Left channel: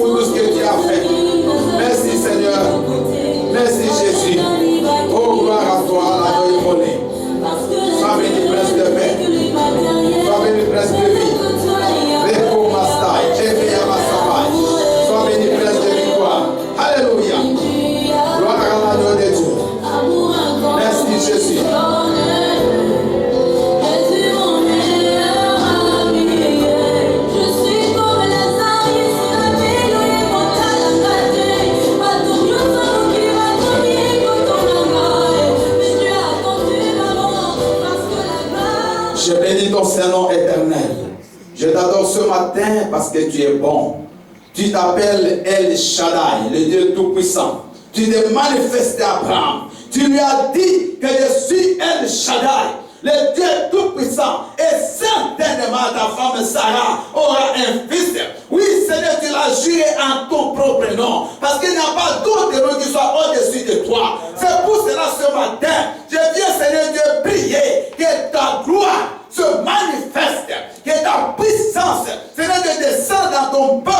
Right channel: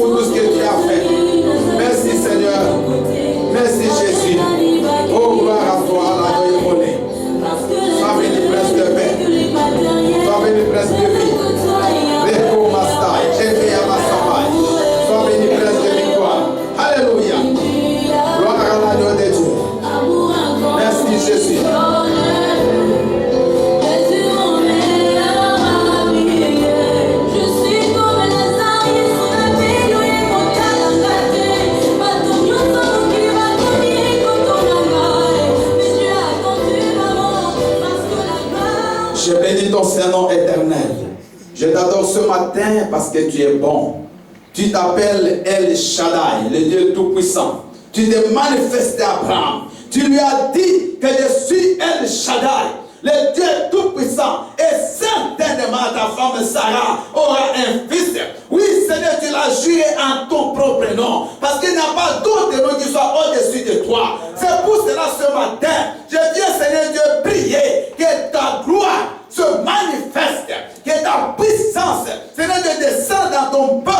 pour tout ce que tu as fait. Merci Seigneur. Merci Jésus. Oh, gloire à toi, l'agneau immolé. Sois béni, prince de paix. Sois béni, prince de vie. Reko Master, Jésus Yamassabai. Sois béni, prince de victoire. Alléluia. Gloire à l'agneau de Dieu. Merci Jésus. Je bénis ton Saint-Nom éternel. Je t'adore ce matin parce que tu es bon. Tu t'appelles El Shaddai, le Dieu Tout-Puissant. Tu t'es manifesté à Abraham. Tu lui as dit que je suis El Shaddai, le Dieu Tout-Puissant. Et certainement ta femme Sarah aura un fils. Oui, Seigneur, tu l'as juré en ton propre nom. Parce qu'il n'y a pas d'autre nom qui soit au-dessus de toi. C'est pour cela ce matin, je viens, Seigneur Dieu, prier que ta gloire se manifeste, que ta puissance, Seigneur, de descendre dans ton peuple.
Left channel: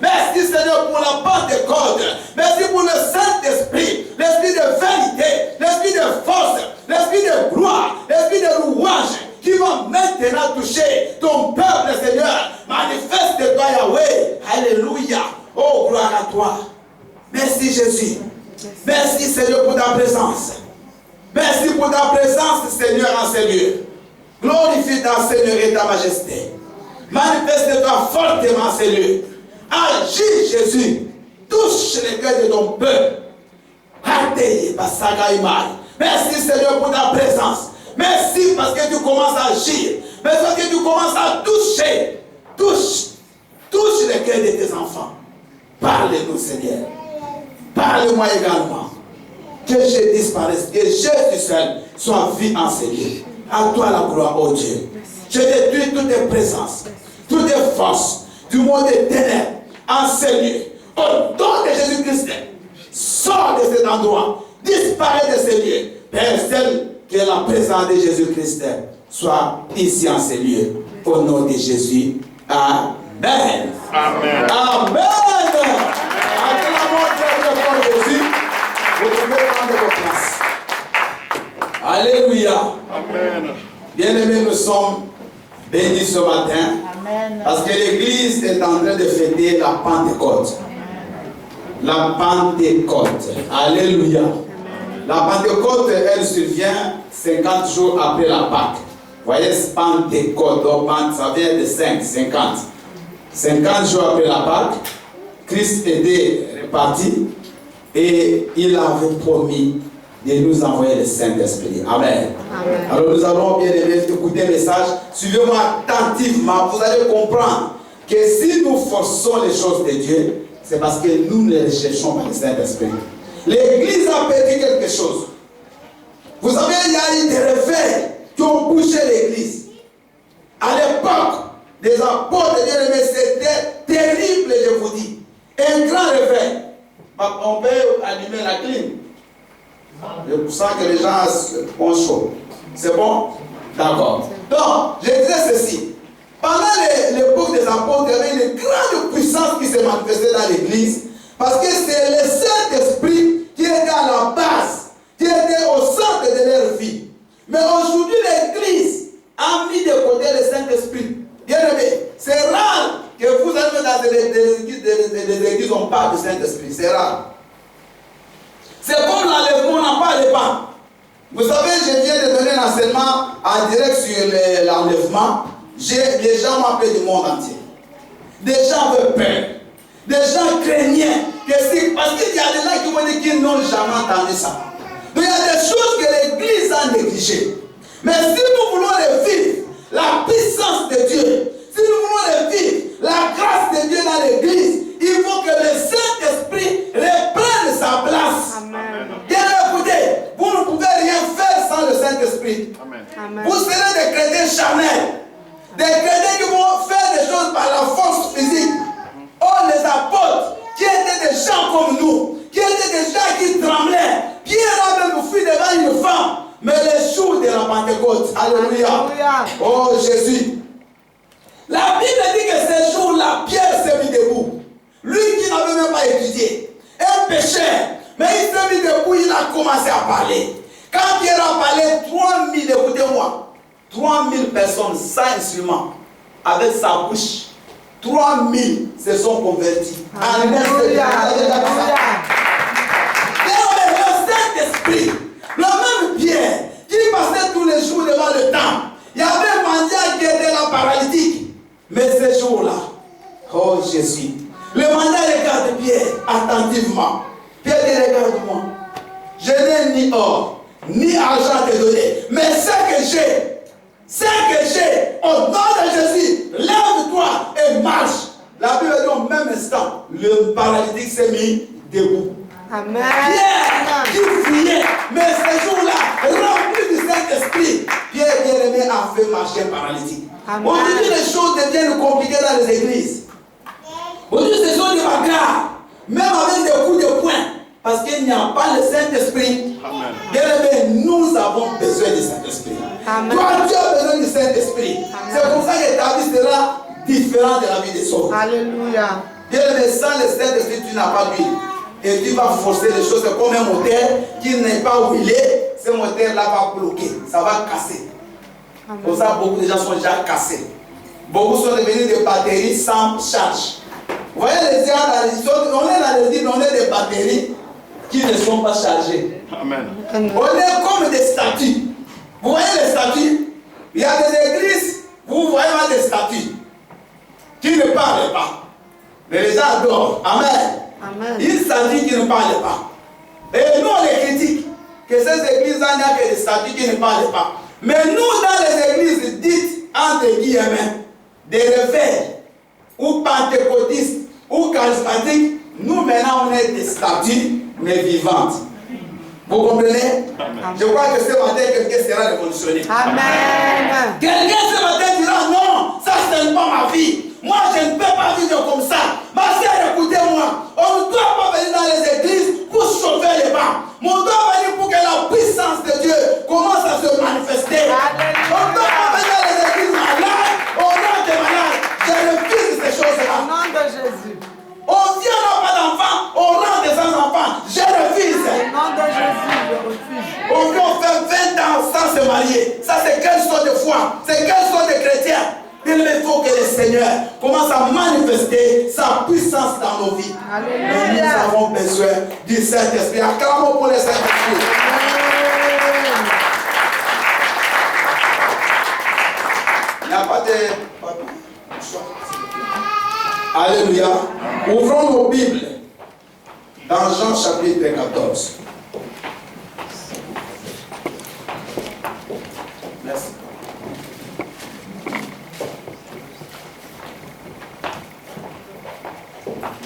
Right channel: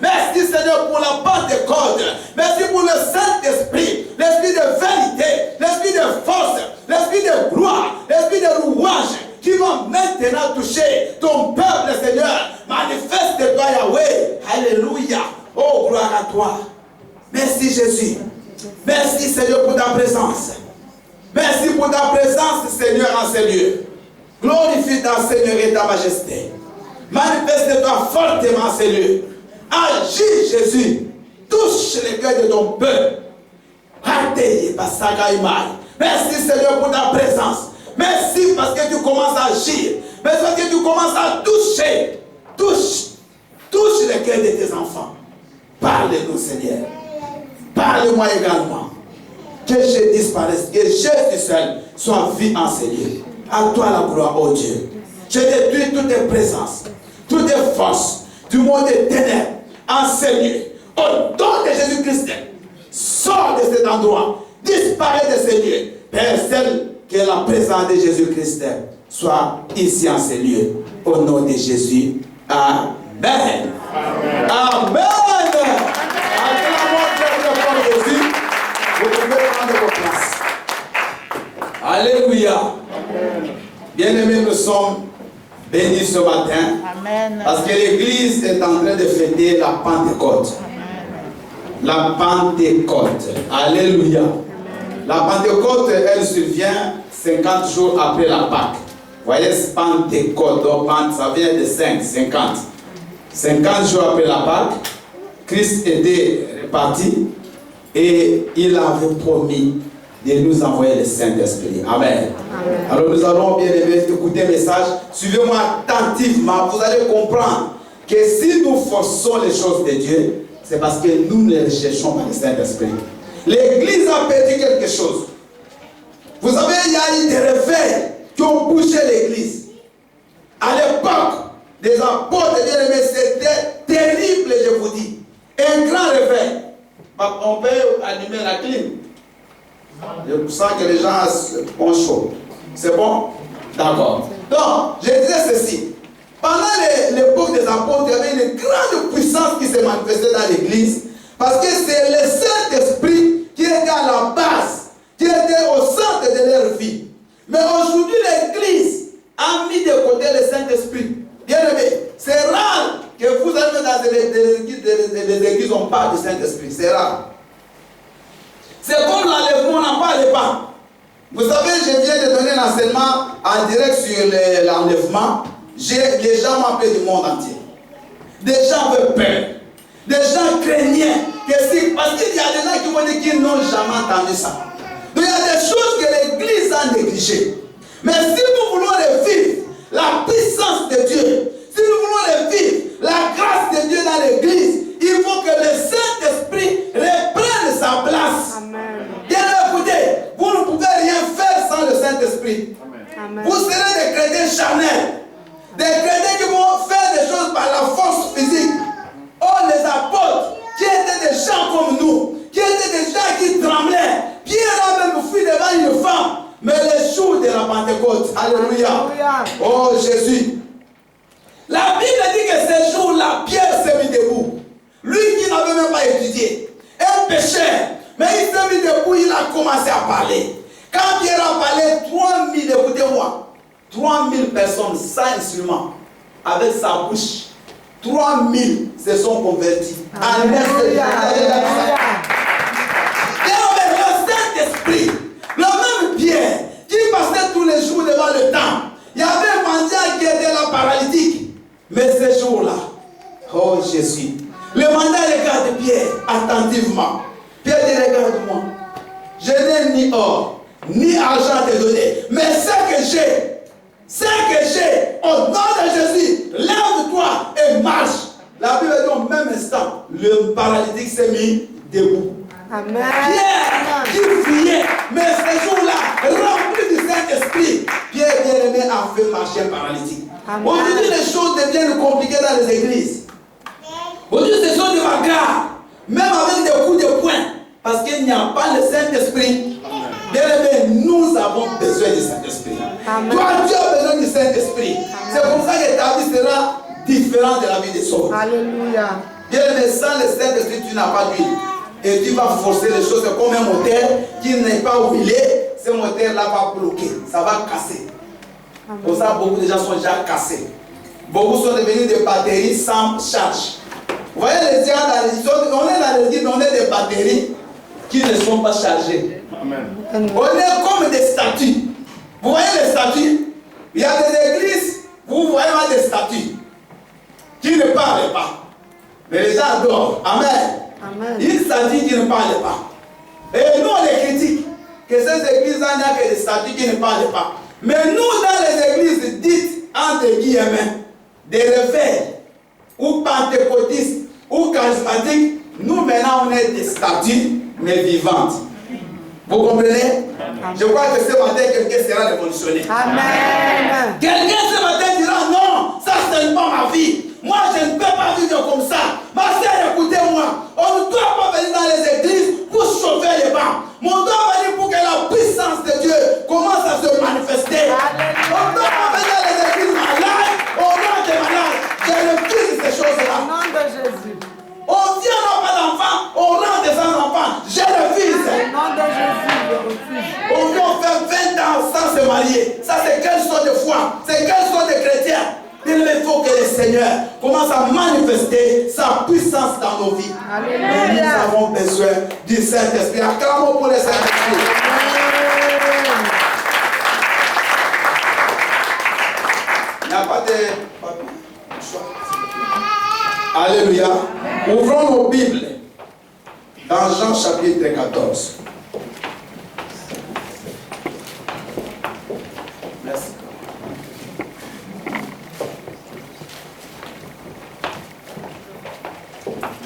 Merci Seigneur pour la Pentecôte. Merci pour le Saint-Esprit, l'esprit de vérité, l'esprit de force, l'esprit de gloire, l'esprit de louange qui va maintenant toucher ton peuple, Seigneur. Manifeste-toi, Yahweh. Alléluia. Oh, gloire à toi. Merci Jésus. Merci Seigneur pour ta présence. Merci pour ta présence, Seigneur, en ces lieux. Glorifie ta Seigneur et ta majesté. Manifeste-toi fortement en ces lieux. Agis, Jésus. Touche les cœurs de ton peuple. Merci, Seigneur, pour ta présence. Merci parce que tu commences à agir. Merci parce que tu commences à toucher. Touche les cœurs de tes enfants. Parle-nous, Seigneur. Parle-moi également. Que je disparaisse, que Jésus seul soit vu en ces lieux. À toi la gloire, oh Dieu. Je détruis toutes tes présences, toutes tes forces du monde des ténèbres en ces lieux. Au nom de Jésus-Christ, sors de cet endroit, disparaît de ces lieux. Père, celle que la présence de Jésus-Christ soit ici en ces lieux. Au nom de Jésus. Amen. Amen. Amen. Jésus. Vous pouvez prendre vos places. Alléluia. Amen. Bien-aimés, nous sommes bénis ce matin. Amen. Parce que l'Église est en train de fêter la Pentecôte. La Pentecôte. Alléluia. La Pentecôte, elle survient 50 jours après la Pâque. Vous voyez, Pentecôte, ça vient de 50. 50 jours après la Pâque, Christ était reparti. Et il avait promis de nous envoyer le Saint-Esprit. Amen. Amen. Alors nous allons bien écouter le message. Suivez-moi attentivement. Vous allez comprendre que si nous forçons les choses de Dieu, c'est parce que nous ne recherchons pas le Saint-Esprit. L'Église a perdu quelque chose. Vous savez, il y a eu des réveils qui ont bougé l'Église. À l'époque des apôtres, c'était terrible, je vous dis. Un grand réveil. On peut allumer la clim. Je sens que les gens ont chaud. C'est bon? D'accord. Donc, je disais ceci. Pendant l'époque des apôtres, il y avait une grande puissance qui s'est manifestée dans l'Église. Parce que c'est le Saint-Esprit qui était à la base, qui était au centre de leur vie. Mais aujourd'hui, l'Église a mis de côté le Saint-Esprit. Bien aimé, c'est rare que vous allez dans des églises où on parle du Saint-Esprit. C'est rare. C'est comme l'enlèvement, on n'en parle pas. Vous savez, je viens de donner l'enseignement en direct sur l'enlèvement. Les gens m'ont appelé du monde entier. Des gens avaient peur. Des gens craignaient. Parce qu'il y a des gens qui vont dire qu'ils n'ont jamais entendu ça. Donc il y a des choses que l'Église a négligées. Mais si nous voulons les vivre, la puissance de Dieu, si nous voulons les vivre, la grâce de Dieu dans l'Église, il faut que le Saint-Esprit reprenne sa place. Amen. Bien écoutez, vous ne pouvez rien faire sans le Saint-Esprit. Amen. Vous serez des chrétiens charnels. Des chrétiens qui vont faire des choses par la force physique. Oh, les apôtres, qui étaient des gens comme nous, qui étaient des gens qui tremblaient. Pierre a même fui devant une femme. Mais les jours de la Pentecôte, alléluia. Oh Jésus. La Bible dit que ces jours-là, Pierre s'est mis debout. n'avait même pas étudié. Un pécheur. Mais il s'est mis debout, il a commencé à parler. Quand Pierre a parlé, 3000, écoutez-moi, 3000 personnes sans instrument, avec sa bouche, 3000 se sont convertis. Alléluia. Le Saint-Esprit, le même Pierre, qui passait tous les jours devant le temple, il y avait un mendiant qui était là paralytique. Mais ce jour-là, oh Jésus, le mendiant regarde Pierre attentivement. Pierre dit, regarde-moi, je n'ai ni or, ni argent à te donner, mais ce que j'ai, au nom de Jésus, lève-toi et marche. La Bible dit au même instant, le paralytique s'est mis debout. Amen. Pierre qui fuyait, mais ce jour-là, rempli du Saint-Esprit, Pierre bien-aimé a fait marcher un paralytique. Aujourd'hui, les choses deviennent compliquées dans les églises. Aujourd'hui, ces choses deviennent graves, même avec des coups de poing, parce qu'il n'y a pas le Saint-Esprit. Bien-aimé, nous avons besoin du Saint-Esprit. Toi, tu as besoin du Saint-Esprit. C'est pour ça que ta vie sera différente de la vie des autres. Alléluia. Bien-aimé, sans le Saint-Esprit, tu n'as pas d'huile. Et tu vas forcer les choses comme un moteur qui n'est pas huilé. Ce moteur-là va bloquer, ça va casser. Pour ça, beaucoup de gens sont déjà cassés. Beaucoup sont devenus des batteries sans charge. Vous voyez les gens dans les autres, on est dans les îles, on est des batteries qui ne sont pas chargées. Amen. On est comme des statues. Vous voyez les statues? Il y a des églises, vous voyez des statues qui ne parlent pas. Mais les gens adorent. Amen. Amen. Une statue qui ne parle pas. Et nous, on les critique. Que ces églises-là, il n'y a que des statues qui ne parlent pas. Mais nous, dans les églises dites, entre guillemets, des réveils, ou pentecôtistes, ou charismatiques, nous maintenant, on est des statues, mais vivantes. Vous comprenez? Amen. Je crois que ce matin, quelqu'un sera révolutionné. Amen. Quelqu'un ce matin dira, non, ça, ce n'est pas ma vie. Moi, je ne peux pas vivre comme ça. Ma sœur, écoutez-moi. On ne doit pas venir dans les églises pour chauffer les bancs. Mais on doit venir pour que la puissance de Dieu commence à se manifester. On ne doit pas venir dans les églises malades. On a des malades. Je refuse ces choses-là. Au nom de Jésus. On vient n'a pas d'enfants. On rentre des enfants. Je refuse. Au nom de Jésus, je refuse. On vient faire 20 ans sans se marier. Ça, c'est quelle sorte de foi? C'est quelle sorte de chrétien? Il faut que le Seigneur commence à manifester sa puissance dans nos vies. Alléluia. Nous avons besoin du Saint-Esprit. Acclamons pour le Saint-Esprit. Il n'y a pas de... Alléluia. Ouvrons nos Bibles dans Jean chapitre 14. Merci.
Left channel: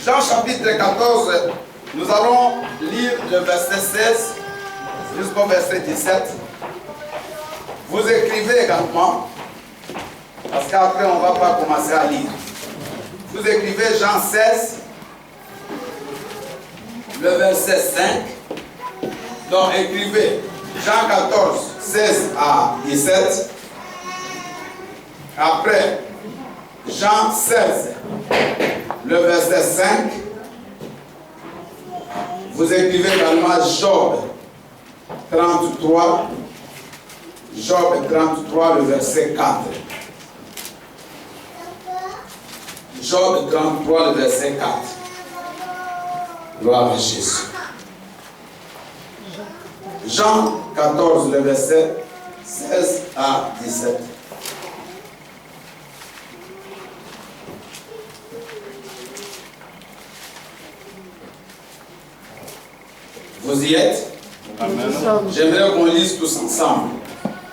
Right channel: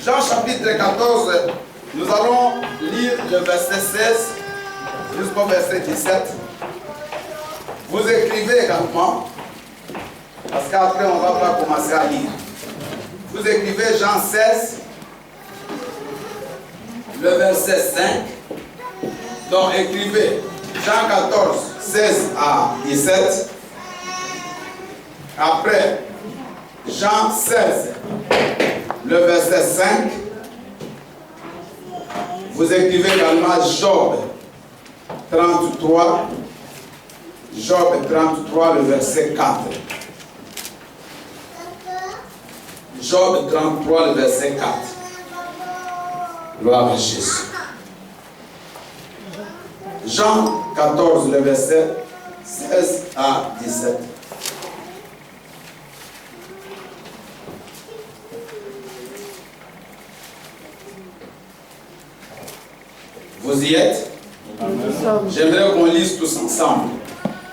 Jean chapitre 14, nous allons lire le verset 16 jusqu'au verset 17. Vous écrivez également, parce qu'après on ne va pas commencer à lire. Vous écrivez Jean 16, le verset 5. Donc écrivez Jean 14, 16 à 17. Après Jean 16, le verset 5, vous écrivez également Job 33, Job 33, le verset 4. Job 33, le verset 4. Gloire à Jésus. Jean 14, le verset 16 à 17. Vous y êtes? J'aimerais qu'on lise tous ensemble.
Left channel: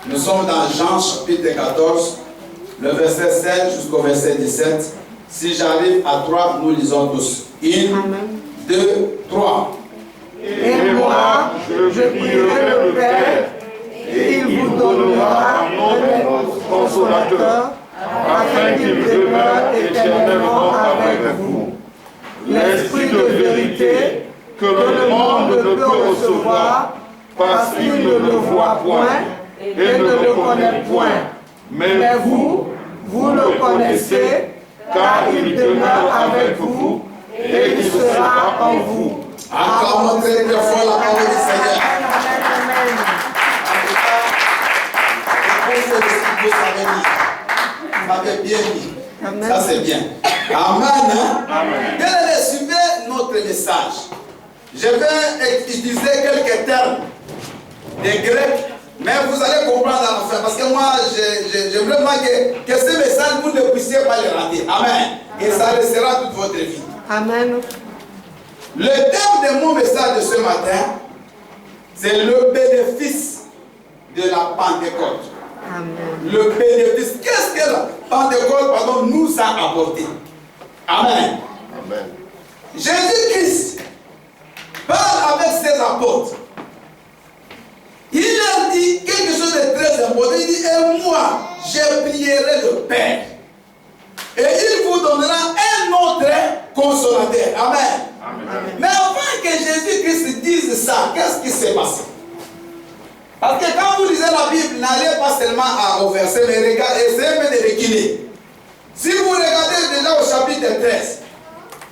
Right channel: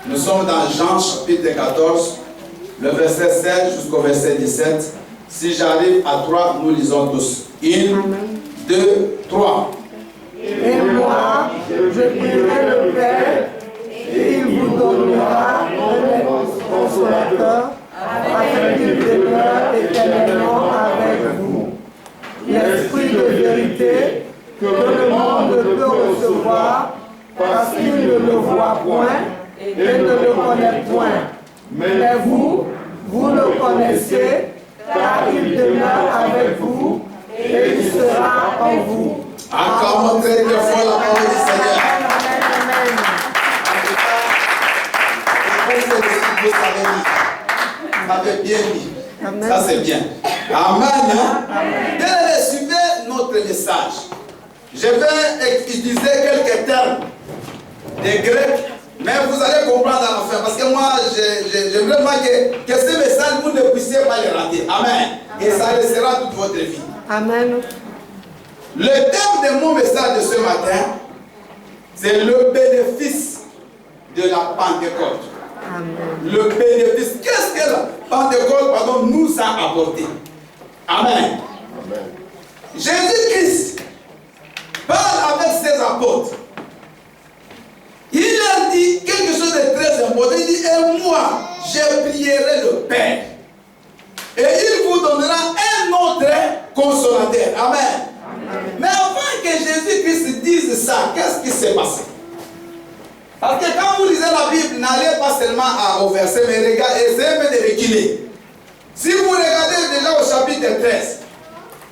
Nous sommes dans Jean chapitre 14, le verset 7 jusqu'au verset 17. Si j'arrive à 3, nous lisons tous. 1, 2, 3. Et moi, je prierai le Père, et il vous donnera un consolateur, afin qu'il demeure éternellement avec vous. L'Esprit de vérité, que le monde ne peut recevoir parce qu'il ne le voit point et ne le connaît point. Mais vous, vous le connaissez, car il demeure avec vous et il sera en vous. Acclamons très très fort la parole du Seigneur. Amen. Vous savez lire. Vous avez bien dit. Amen. Ça c'est bien. Amen. Bien aimé, suivez notre message. Je vais utiliser quelques termes des Grecs, mais vous allez comprendre à la fin. Parce que moi, j'aimerais vraiment que ce message, vous ne puissiez pas le rater. Amen. Et ça restera toute votre vie. Amen. Le thème de mon message de ce matin, c'est le bénéfice de la Pentecôte. Amen. Le bénéfice. Qu'est-ce que la Pentecôte nous a apporté? Amen. Amen. Jésus-Christ parle avec ses apôtres. Il leur dit quelque chose de très important. Il dit, et moi, je prierai le Père. Et il vous donnera un autre consolateur. Amen. Amen. Mais avant que Jésus-Christ dise ça, qu'est-ce qui s'est passé? Parce que quand vous lisez la Bible, n'allez pas seulement au verset, mais regardez, essayez de reculer. Si vous regardez déjà au chapitre 13,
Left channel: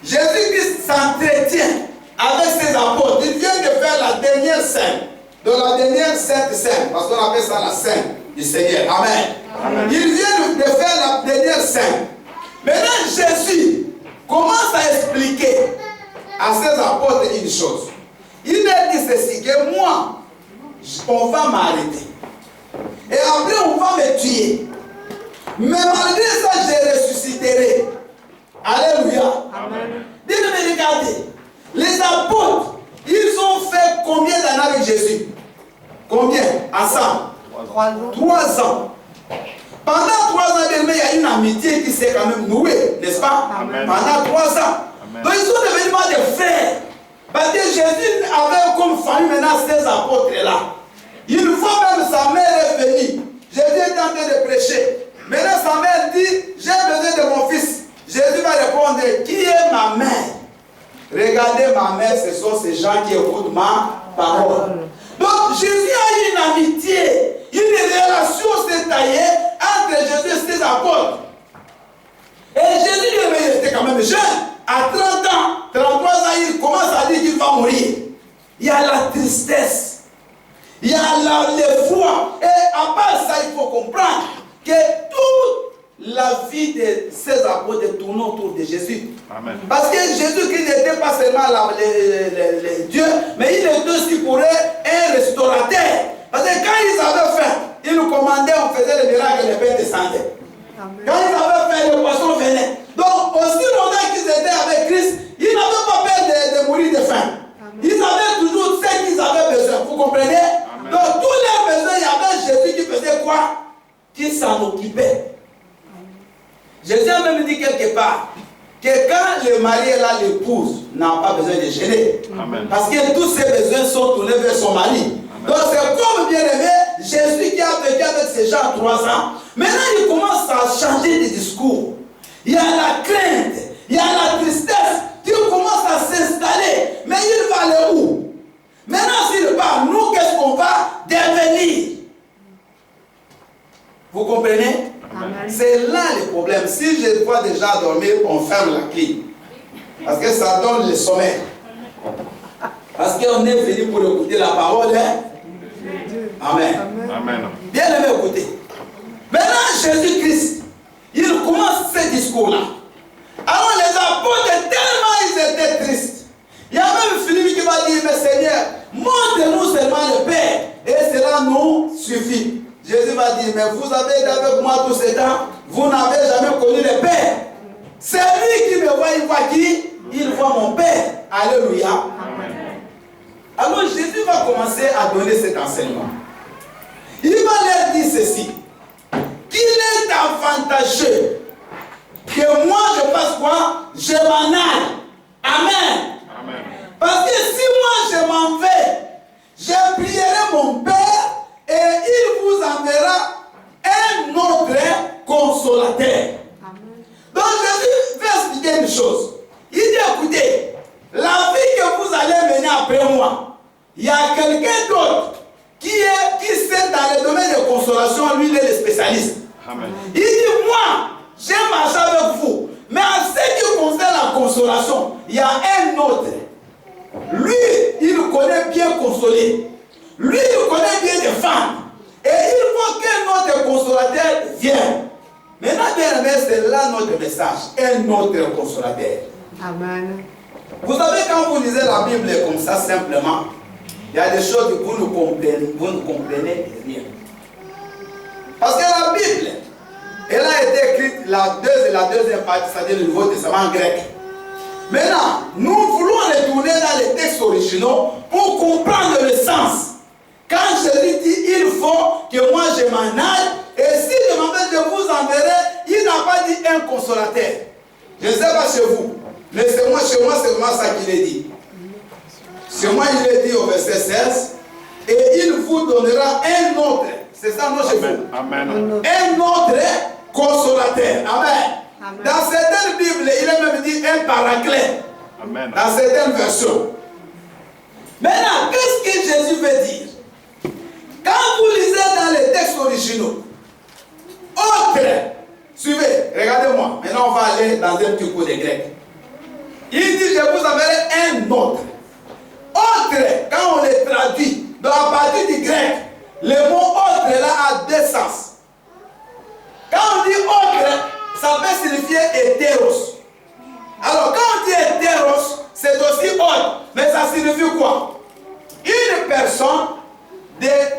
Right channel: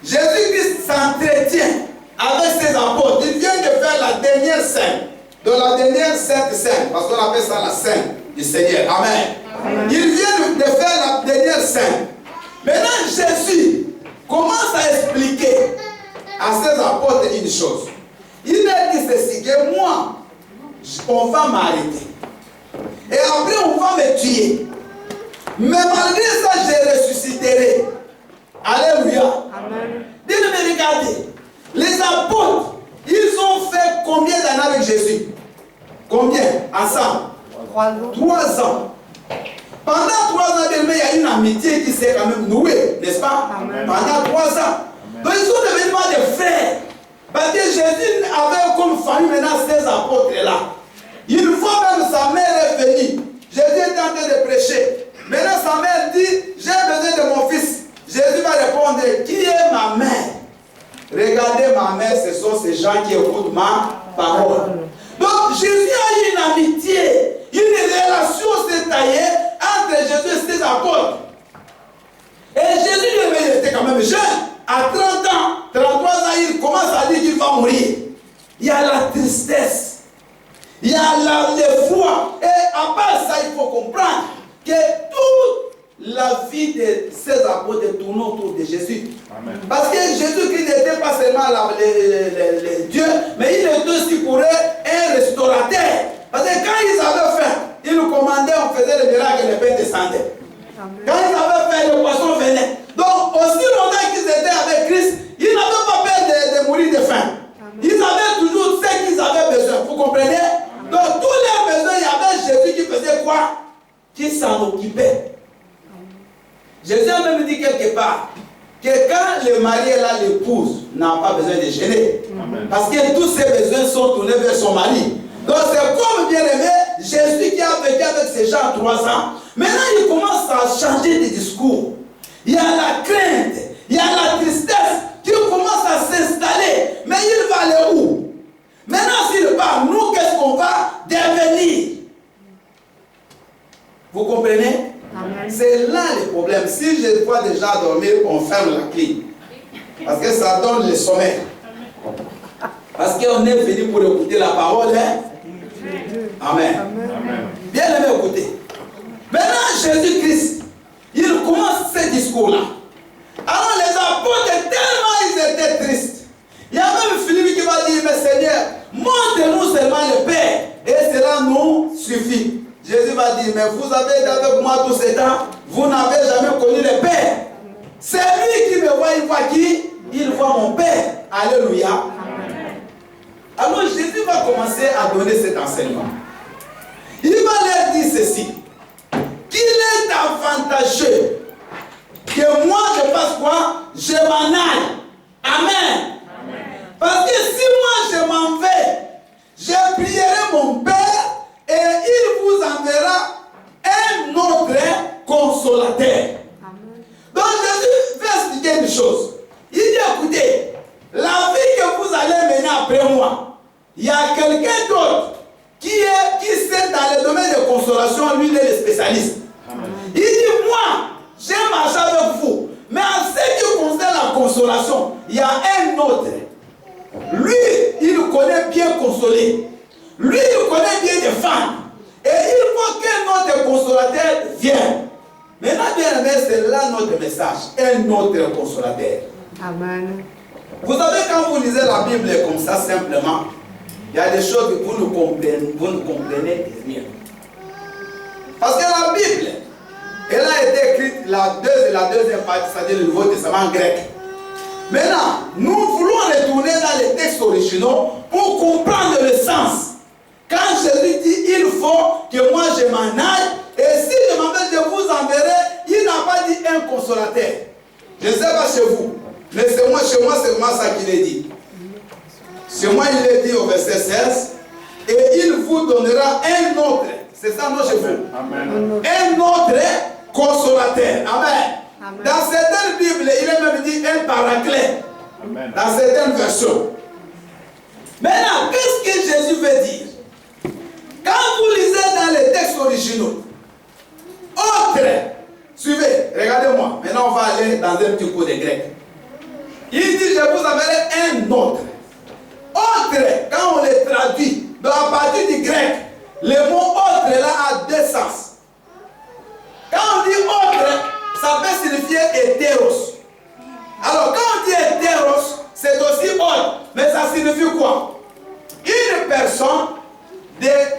Jésus-Christ s'entretient avec ses apôtres. Il vient de faire la dernière scène. Dans la dernière sainte scène, parce qu'on appelle ça la scène du Seigneur. Amen. Amen. Il vient de faire la dernière scène. Maintenant, Jésus commence à expliquer à ses apôtres une chose. Il a dit ceci, que moi, on va m'arrêter. Et après, on va me tuer. Mais malgré ça, je ressusciterai. Alléluia. Amen. Dites-moi, regardez. Les apôtres, ils ont fait combien d'années avec Jésus? Combien? Ensemble? 3 ans. 3 ans. Pendant 3 ans, il y a une amitié qui s'est quand même nouée, n'est-ce pas? Amen. Pendant 3 ans. Amen. Donc ils sont devenus des frères. Parce que Jésus avait comme famille maintenant ces apôtres-là. Une fois même sa mère est venue. Jésus est en train de prêcher. Maintenant sa mère dit, j'ai besoin de mon fils. Jésus va répondre, qui est ma mère? Regardez ma mère, ce sont ces gens qui écoutent ma parole. Donc Jésus a une amitié, une relation s'est taillée entre Jésus et ses apôtres. Et Jésus lui était quand même jeune. À 30 ans, 33 ans, il commence à dire qu'il va mourir. Il y a la tristesse. Il y a l'effroi. Et à part ça, il faut comprendre que toute la vie de ces apôtres tourne autour de Jésus. Amen. Parce que Jésus-Christ n'était pas seulement Dieu, mais il était aussi pour eux un restaurateur. Parce que quand ils avaient faim, ils nous commandaient, on faisait le miracle, les pains descendaient. Amen. Quand ils avaient faim, le poisson venait. Donc, aussi longtemps qu'ils étaient avec Christ, ils n'avaient pas peur de mourir de faim. Amen. Ils avaient toujours ce qu'ils avaient besoin. Vous comprenez? Amen. Donc, tous leurs besoins, il y avait Jésus qui faisait quoi? Qui s'en occupait. Jésus a même dit quelque part que quand le mari est là, l'épouse n'a pas besoin de gêner. Amen. Parce que tous ses besoins sont tournés vers son mari. Amen. Donc c'est comme bien aimé, Jésus qui a vécu avec ces gens 3 ans. Maintenant il commence à changer de discours. Il y a la crainte, il y a la tristesse qui commence à s'installer. Mais il va aller où? Maintenant s'il part, nous qu'est-ce qu'on va devenir? Vous comprenez? C'est là le problème. Si je dois déjà dormir, on ferme la clé. Parce que ça donne le sommeil. Parce qu'on est venu pour écouter la parole. Hein? Amen. Amen. Bien aimé, écoutez. Maintenant, Jésus-Christ, il commence ce discours-là. Alors les apôtres, tellement ils étaient tristes. Il y a même Philippe qui va dire, mais Seigneur, montre-nous seulement le Père. Et cela nous suffit. Jésus va dire, mais vous avez été avec moi tout ce temps, vous n'avez jamais connu le Père. C'est lui qui me voit, il voit qui? Il voit mon Père. Alléluia. Amen. Alors Jésus va commencer à donner cet enseignement. Il va leur dire ceci, qu'il est avantageux que moi je fasse quoi? Je m'en aille. Amen. Amen. Parce que si moi je m'en vais, je prierai mon Père et il vous enverra un autre consolateur. Amen. Donc Jésus va expliquer une chose. Il dit, écoutez, la vie que vous allez mener après moi, il y a quelqu'un d'autre qui sait dans le domaine de consolation, lui il est le spécialiste. Amen. Il dit, moi, j'ai marché avec vous, mais en ce qui concerne la consolation, il y a un autre Lui, il connaît bien consoler. Lui, il connaît bien les femmes. Et il faut que notre consolateur vienne. Maintenant, bien aimé, c'est là notre message. Un autre consolateur. Amen. Vous savez, quand vous lisez la Bible comme ça, simplement, il y a des choses que vous ne comprenez rien. Parce que la Bible, elle a été écrite la deuxième partie, c'est-à-dire le Nouveau Testament grec. Maintenant, nous voulons retourner dans les textes originaux pour comprendre le sens. Quand Jésus dit, il faut que moi je m'en aille, et si je m'en vais, je vous enverrai, il n'a pas dit un consolateur. Je ne sais pas chez vous, mais chez moi c'est vraiment ça qu'il est dit. Chez moi, il est dit au verset 16, et il vous donnera un autre. C'est ça, non, chez vous? Amen. Un autre consolateur. Amen. Amen. Dans certaines Bibles, il est même dit un paraclet. Amen. Dans certaines versions. Maintenant, qu'est-ce que Jésus veut dire? Quand vous lisez dans les textes originaux, autre, suivez, regardez-moi. Maintenant, on va aller dans un petit coup de grec. Il dit, je vous enverrai un autre. Autre, quand on les traduit, dans la partie du grec, le mot autre là a deux sens. Quand on dit autre, ça peut signifier hétéros. Alors, quand on dit hétéros, c'est aussi autre. Mais ça signifie quoi? Une personne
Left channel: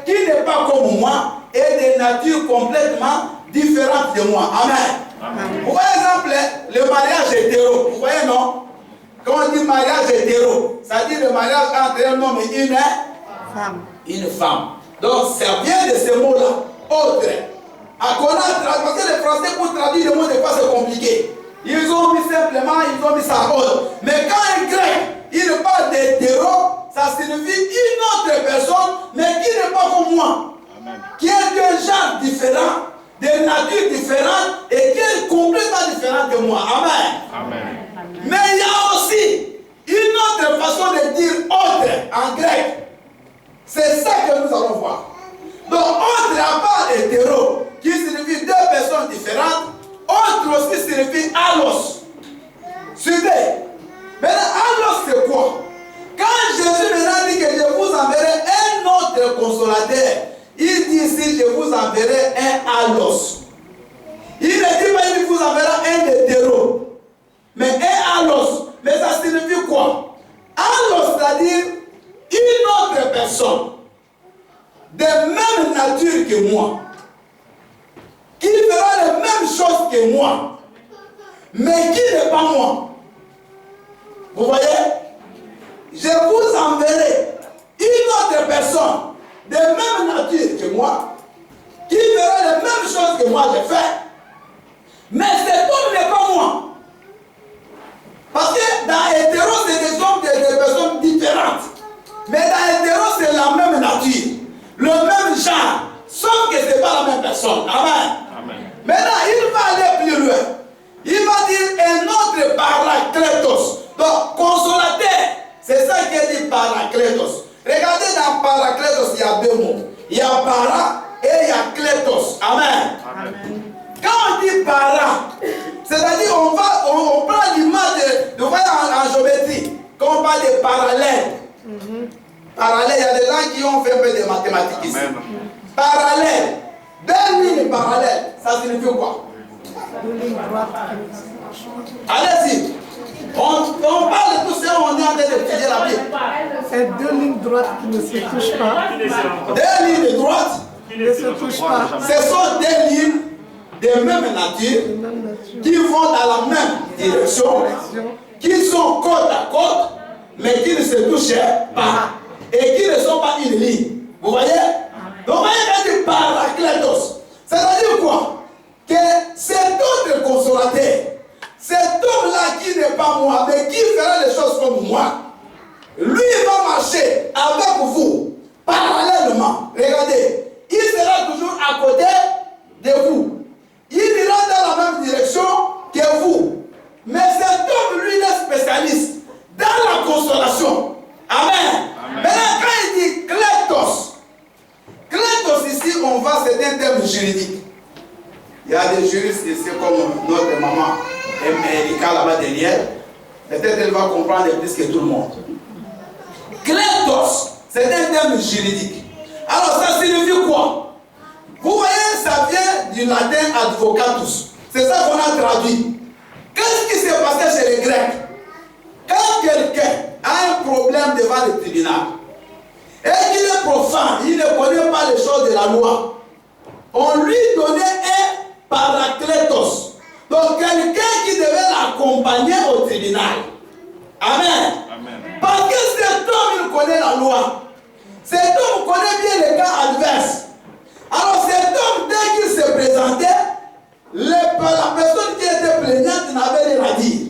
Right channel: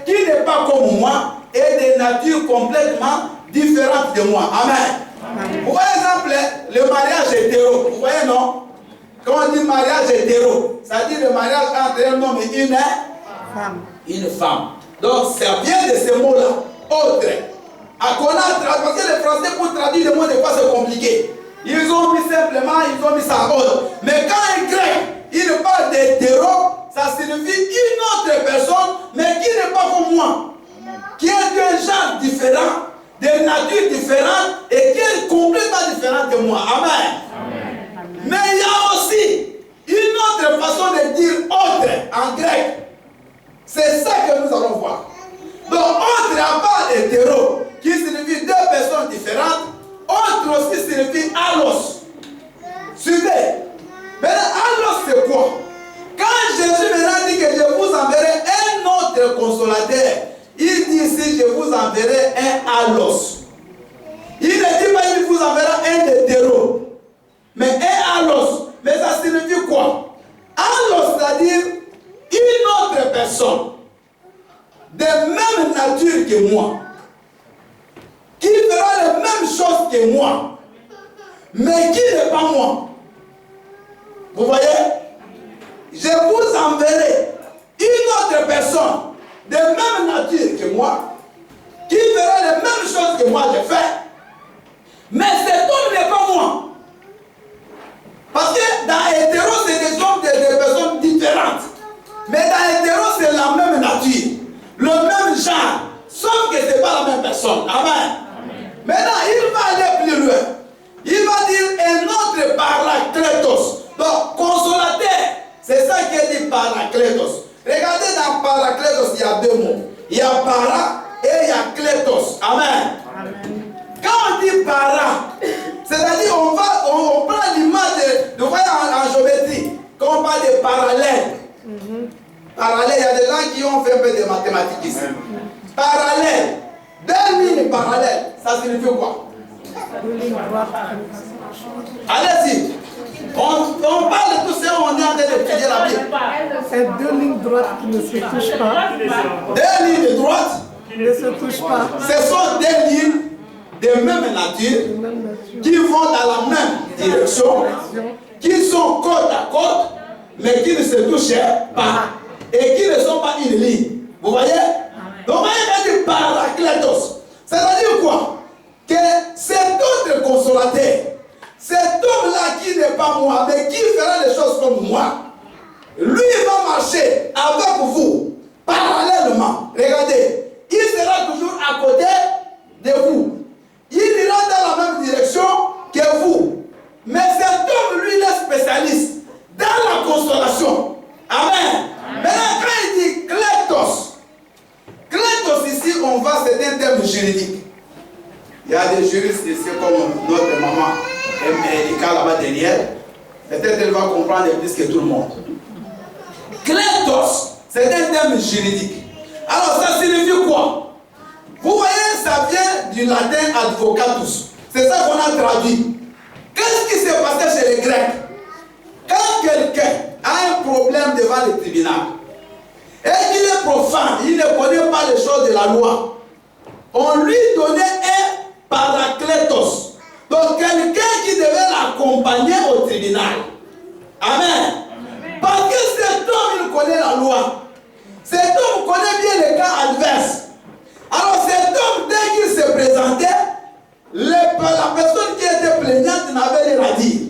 qui n'est pas comme moi et de nature complètement différente de moi. Amen. Amen. Pour exemple, le mariage hétéro. Vous voyez, non? Quand on dit mariage hétéro, ça dit le mariage entre un homme et une femme. Une femme. Donc, ça vient de ce mot-là. Autre. À connaître, parce que les Français, pour traduire le mot, des fois, c'est compliqué. Ils ont mis simplement, ils ont mis ça autre. Mais quand un grec, il parle d'hétéro, ça signifie une autre personne, mais qui n'est pas comme moi. Amen. Qui est d'un genre différent, de nature différente, et qui est complètement différente de moi. Amen. Amen. Mais il y a aussi une autre façon de dire autre en grec. C'est ça que nous allons voir. Donc, autre à part hétéro, qui signifie deux personnes différentes, autre aussi signifie allos. Suivez. Maintenant, allos c'est quoi? Quand Jésus maintenant dit que je vous enverrai un autre consolateur, il dit ici je vous enverrai un allos. Il ne dit pas qu'il vous enverra un hétéro, mais un allos. Mais ça signifie quoi? Allos, c'est-à-dire une autre personne de même nature que moi, qui fera les mêmes choses que moi, mais qui n'est pas moi. Vous voyez? Je vous enverrai une autre personne de même nature que moi, qui fera les mêmes choses que moi j'ai fait, mais cet homme n'est pas moi. Parce que dans hétéro, c'est des hommes, des personnes différentes. Mais dans hétéro, c'est la même nature, le même genre, sauf que ce n'est pas la même personne. Amen. Amen. Maintenant, il va aller plus loin. Il va dire un autre paraclétos. Donc, consolateur, c'est ça qui est dit paraclétos. Regardez dans paraclétos, il y a deux mots. Il y a para et il y a clétos. Amen. Amen. Quand on dit para, c'est-à-dire on prend l'image de voyez en géométrie. Quand on parle de parallèle. Parallèle, il y a des gens qui ont fait un peu de mathématiques ici. Parallèle. Deux lignes parallèles, ça signifie quoi? Deux lignes droites. Allez-y. On parle de tout ça, on est en train d'étudier la Bible. C'est deux lignes droites qui ne se touchent pas. Deux lignes droites Qui ne se touchent pas. Ce sont des lignes de même nature qui vont dans la même direction, qui sont côte à côte, mais qui ne se touchent pas et qui ne sont pas une ligne. Vous voyez? Donc, on va dire paraclétos. C'est-à-dire quoi? Que cet autre consolateur, cet homme-là qui n'est pas moi, mais qui fera les choses comme moi, lui va marcher avec vous, parallèlement. Regardez, il sera toujours à côté de vous. Il ira dans la même direction que vous. Mais cet homme, lui, il est spécialiste dans la consolation. Amen. Maintenant, quand il dit clétos, clétos ici, on va, c'est un terme juridique. Il y a des juristes ici, comme notre maman Erika là-bas derrière. Peut-être elle va comprendre plus que tout le monde. Kletos, c'est un terme juridique. Alors ça signifie quoi? Vous voyez, ça vient du latin advocatus. C'est ça qu'on a traduit. Qu'est-ce qui s'est passé chez les Grecs? Quand quelqu'un a un problème devant le tribunal et qu'il est profane, il ne connaît pas les choses de la loi, on lui donnait un paraclétos. Donc quelqu'un qui devait l'accompagner au tribunal. Amen. Amen. Parce que cet homme, il connaît la loi. Cet homme connaît bien les cas adverses. Alors cet homme, dès qu'il se présentait, la personne qui était plaignante n'avait rien à dire.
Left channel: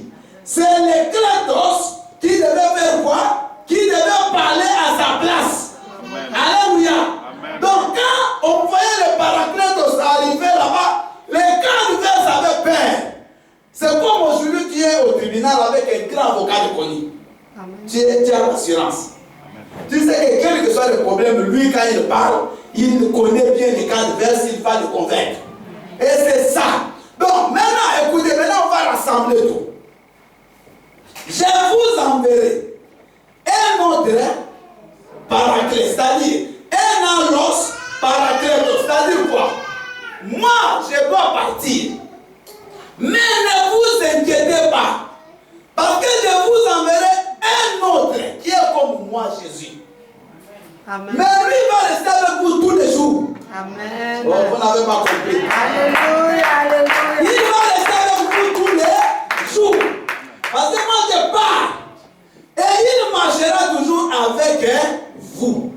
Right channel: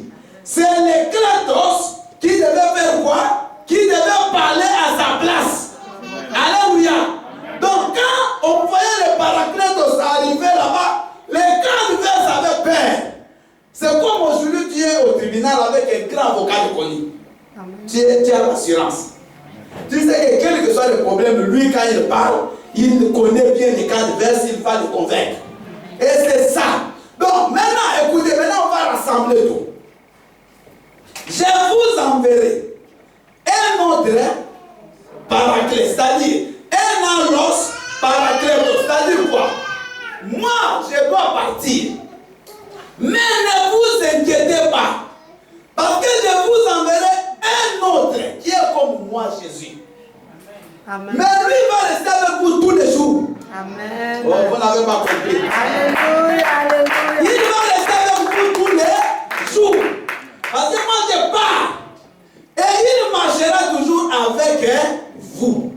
C'est les Kletos qui devait faire quoi? Qui devait parler à sa place. Amen. Alléluia. Amen. Donc quand on voyait le paraclétos arriver là-bas, les cas adverses avaient peur. C'est comme aujourd'hui tu es au tribunal avec un grand avocat de connu. Tu as l'assurance. Tu sais que quel que soit le problème, lui quand il parle, il connaît bien les cas adverses, il va le convaincre. Et c'est ça. Donc maintenant, écoutez, maintenant on va rassembler tout. Je vous enverrai un autre paraclet, c'est-à-dire un allos paraclétos, c'est-à-dire quoi? Moi, je dois partir. Mais ne vous inquiétez pas. Parce que je vous enverrai un autre qui est comme moi, Jésus. Amen. Mais lui va rester avec vous tous les jours. Amen. Oh, vous n'avez pas compris. Alléluia, alléluia. Il va rester avec vous tous les jours. Parce que moi je pars. Et il marchera toujours avec vous.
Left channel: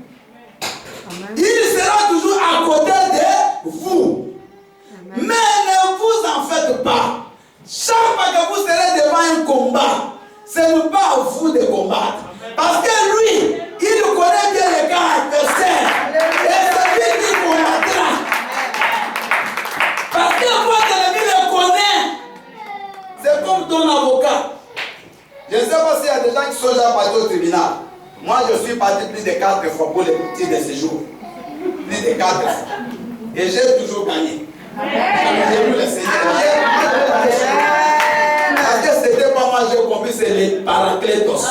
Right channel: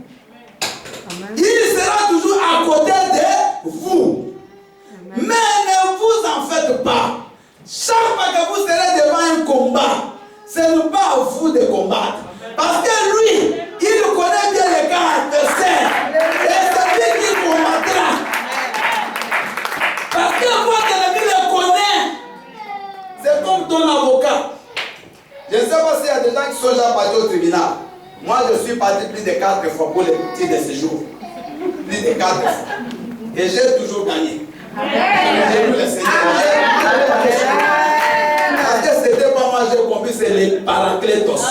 Amen. Il sera toujours à côté de vous. Amen. Mais ne vous en faites pas. Chaque fois que vous serez devant un combat, ce n'est pas à vous de combattre. Parce que lui, il connaît bien les cas adversaires. Et c'est lui qui combattra. Parce que votre ennemi le connaît. C'est comme ton avocat. Je ne sais pas s'il y a des gens qui sont déjà partis au tribunal. Moi, je suis parti plus de 4 fois pour les petits de séjour. Plus de 4 fois. Et j'ai toujours gagné. J'ai vu le Seigneur. Parce que c'était pas moi, j'ai compris, c'est les paraclétos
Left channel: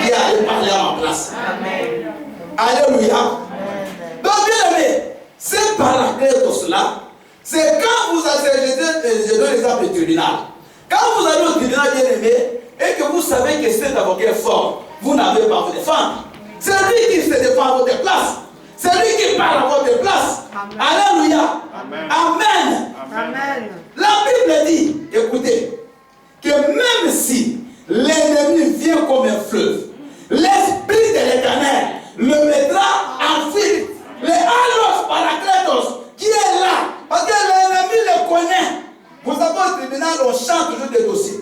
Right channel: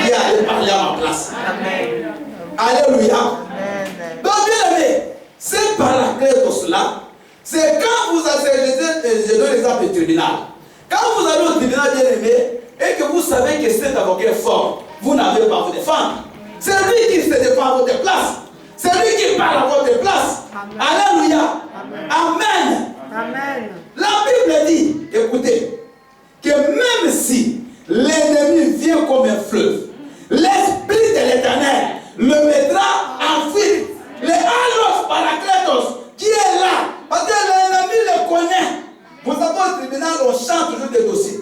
qui allaient parler à ma place. Amen. Alléluia. Amen. Donc, bien aimé, ces paraclétos-là, c'est quand vous avez, je donne l'exemple du tribunal. Quand vous allez au tribunal, bien aimé, et que vous savez que cet avocat est fort, vous n'avez pas à vous défendre. C'est lui qui se défend à votre place. C'est lui qui parle à votre place. Amen. Alléluia. Amen. Amen. Amen. La Bible dit, écoutez, que même si l'ennemi vient comme un fleuve, l'Esprit de l'Éternel le mettra en fuite. Les allos paraclétos qui est là, parce que l'ennemi le connaît. Vous savez, au tribunal, on chante toujours des dossiers.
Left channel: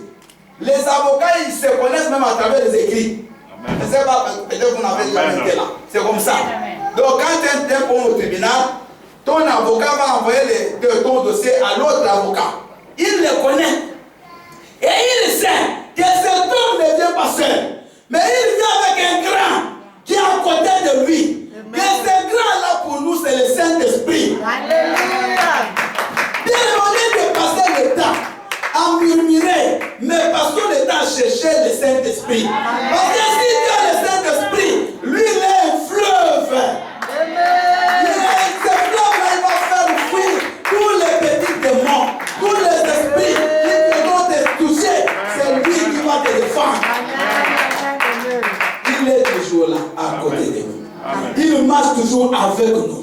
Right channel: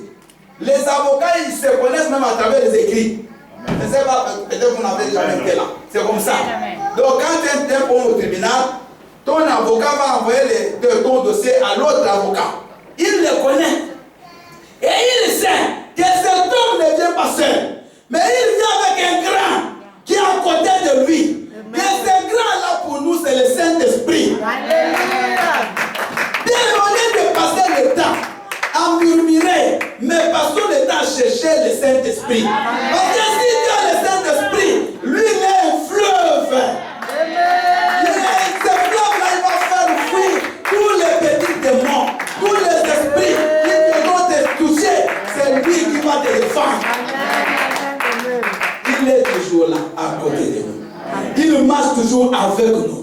Les avocats, ils se connaissent même à travers les écrits. Amen. Je ne sais pas, peut-être que vous n'avez jamais été là. C'est comme ça. Amen. Donc, quand tu es bon au tribunal, ton avocat va envoyer ton dossier à l'autre avocat. Il le connaît. Et il sait que cet homme ne vient pas seul. Mais il vient avec un grand qui est à côté de lui. Amen. Et ce grand-là, pour nous, c'est le Saint-Esprit. Alléluia. Bien au lieu de passer le temps à murmurer, mais passons le temps à chercher le Saint-Esprit. Parce que si tu as le Saint-Esprit, lui, il est un fleuve. Ce fleuve-là, il va faire fuir tous les petits démons, tous les esprits qui vont te toucher. C'est lui qui va te défendre. Il est toujours là, à côté de nous. Il marche toujours avec nous.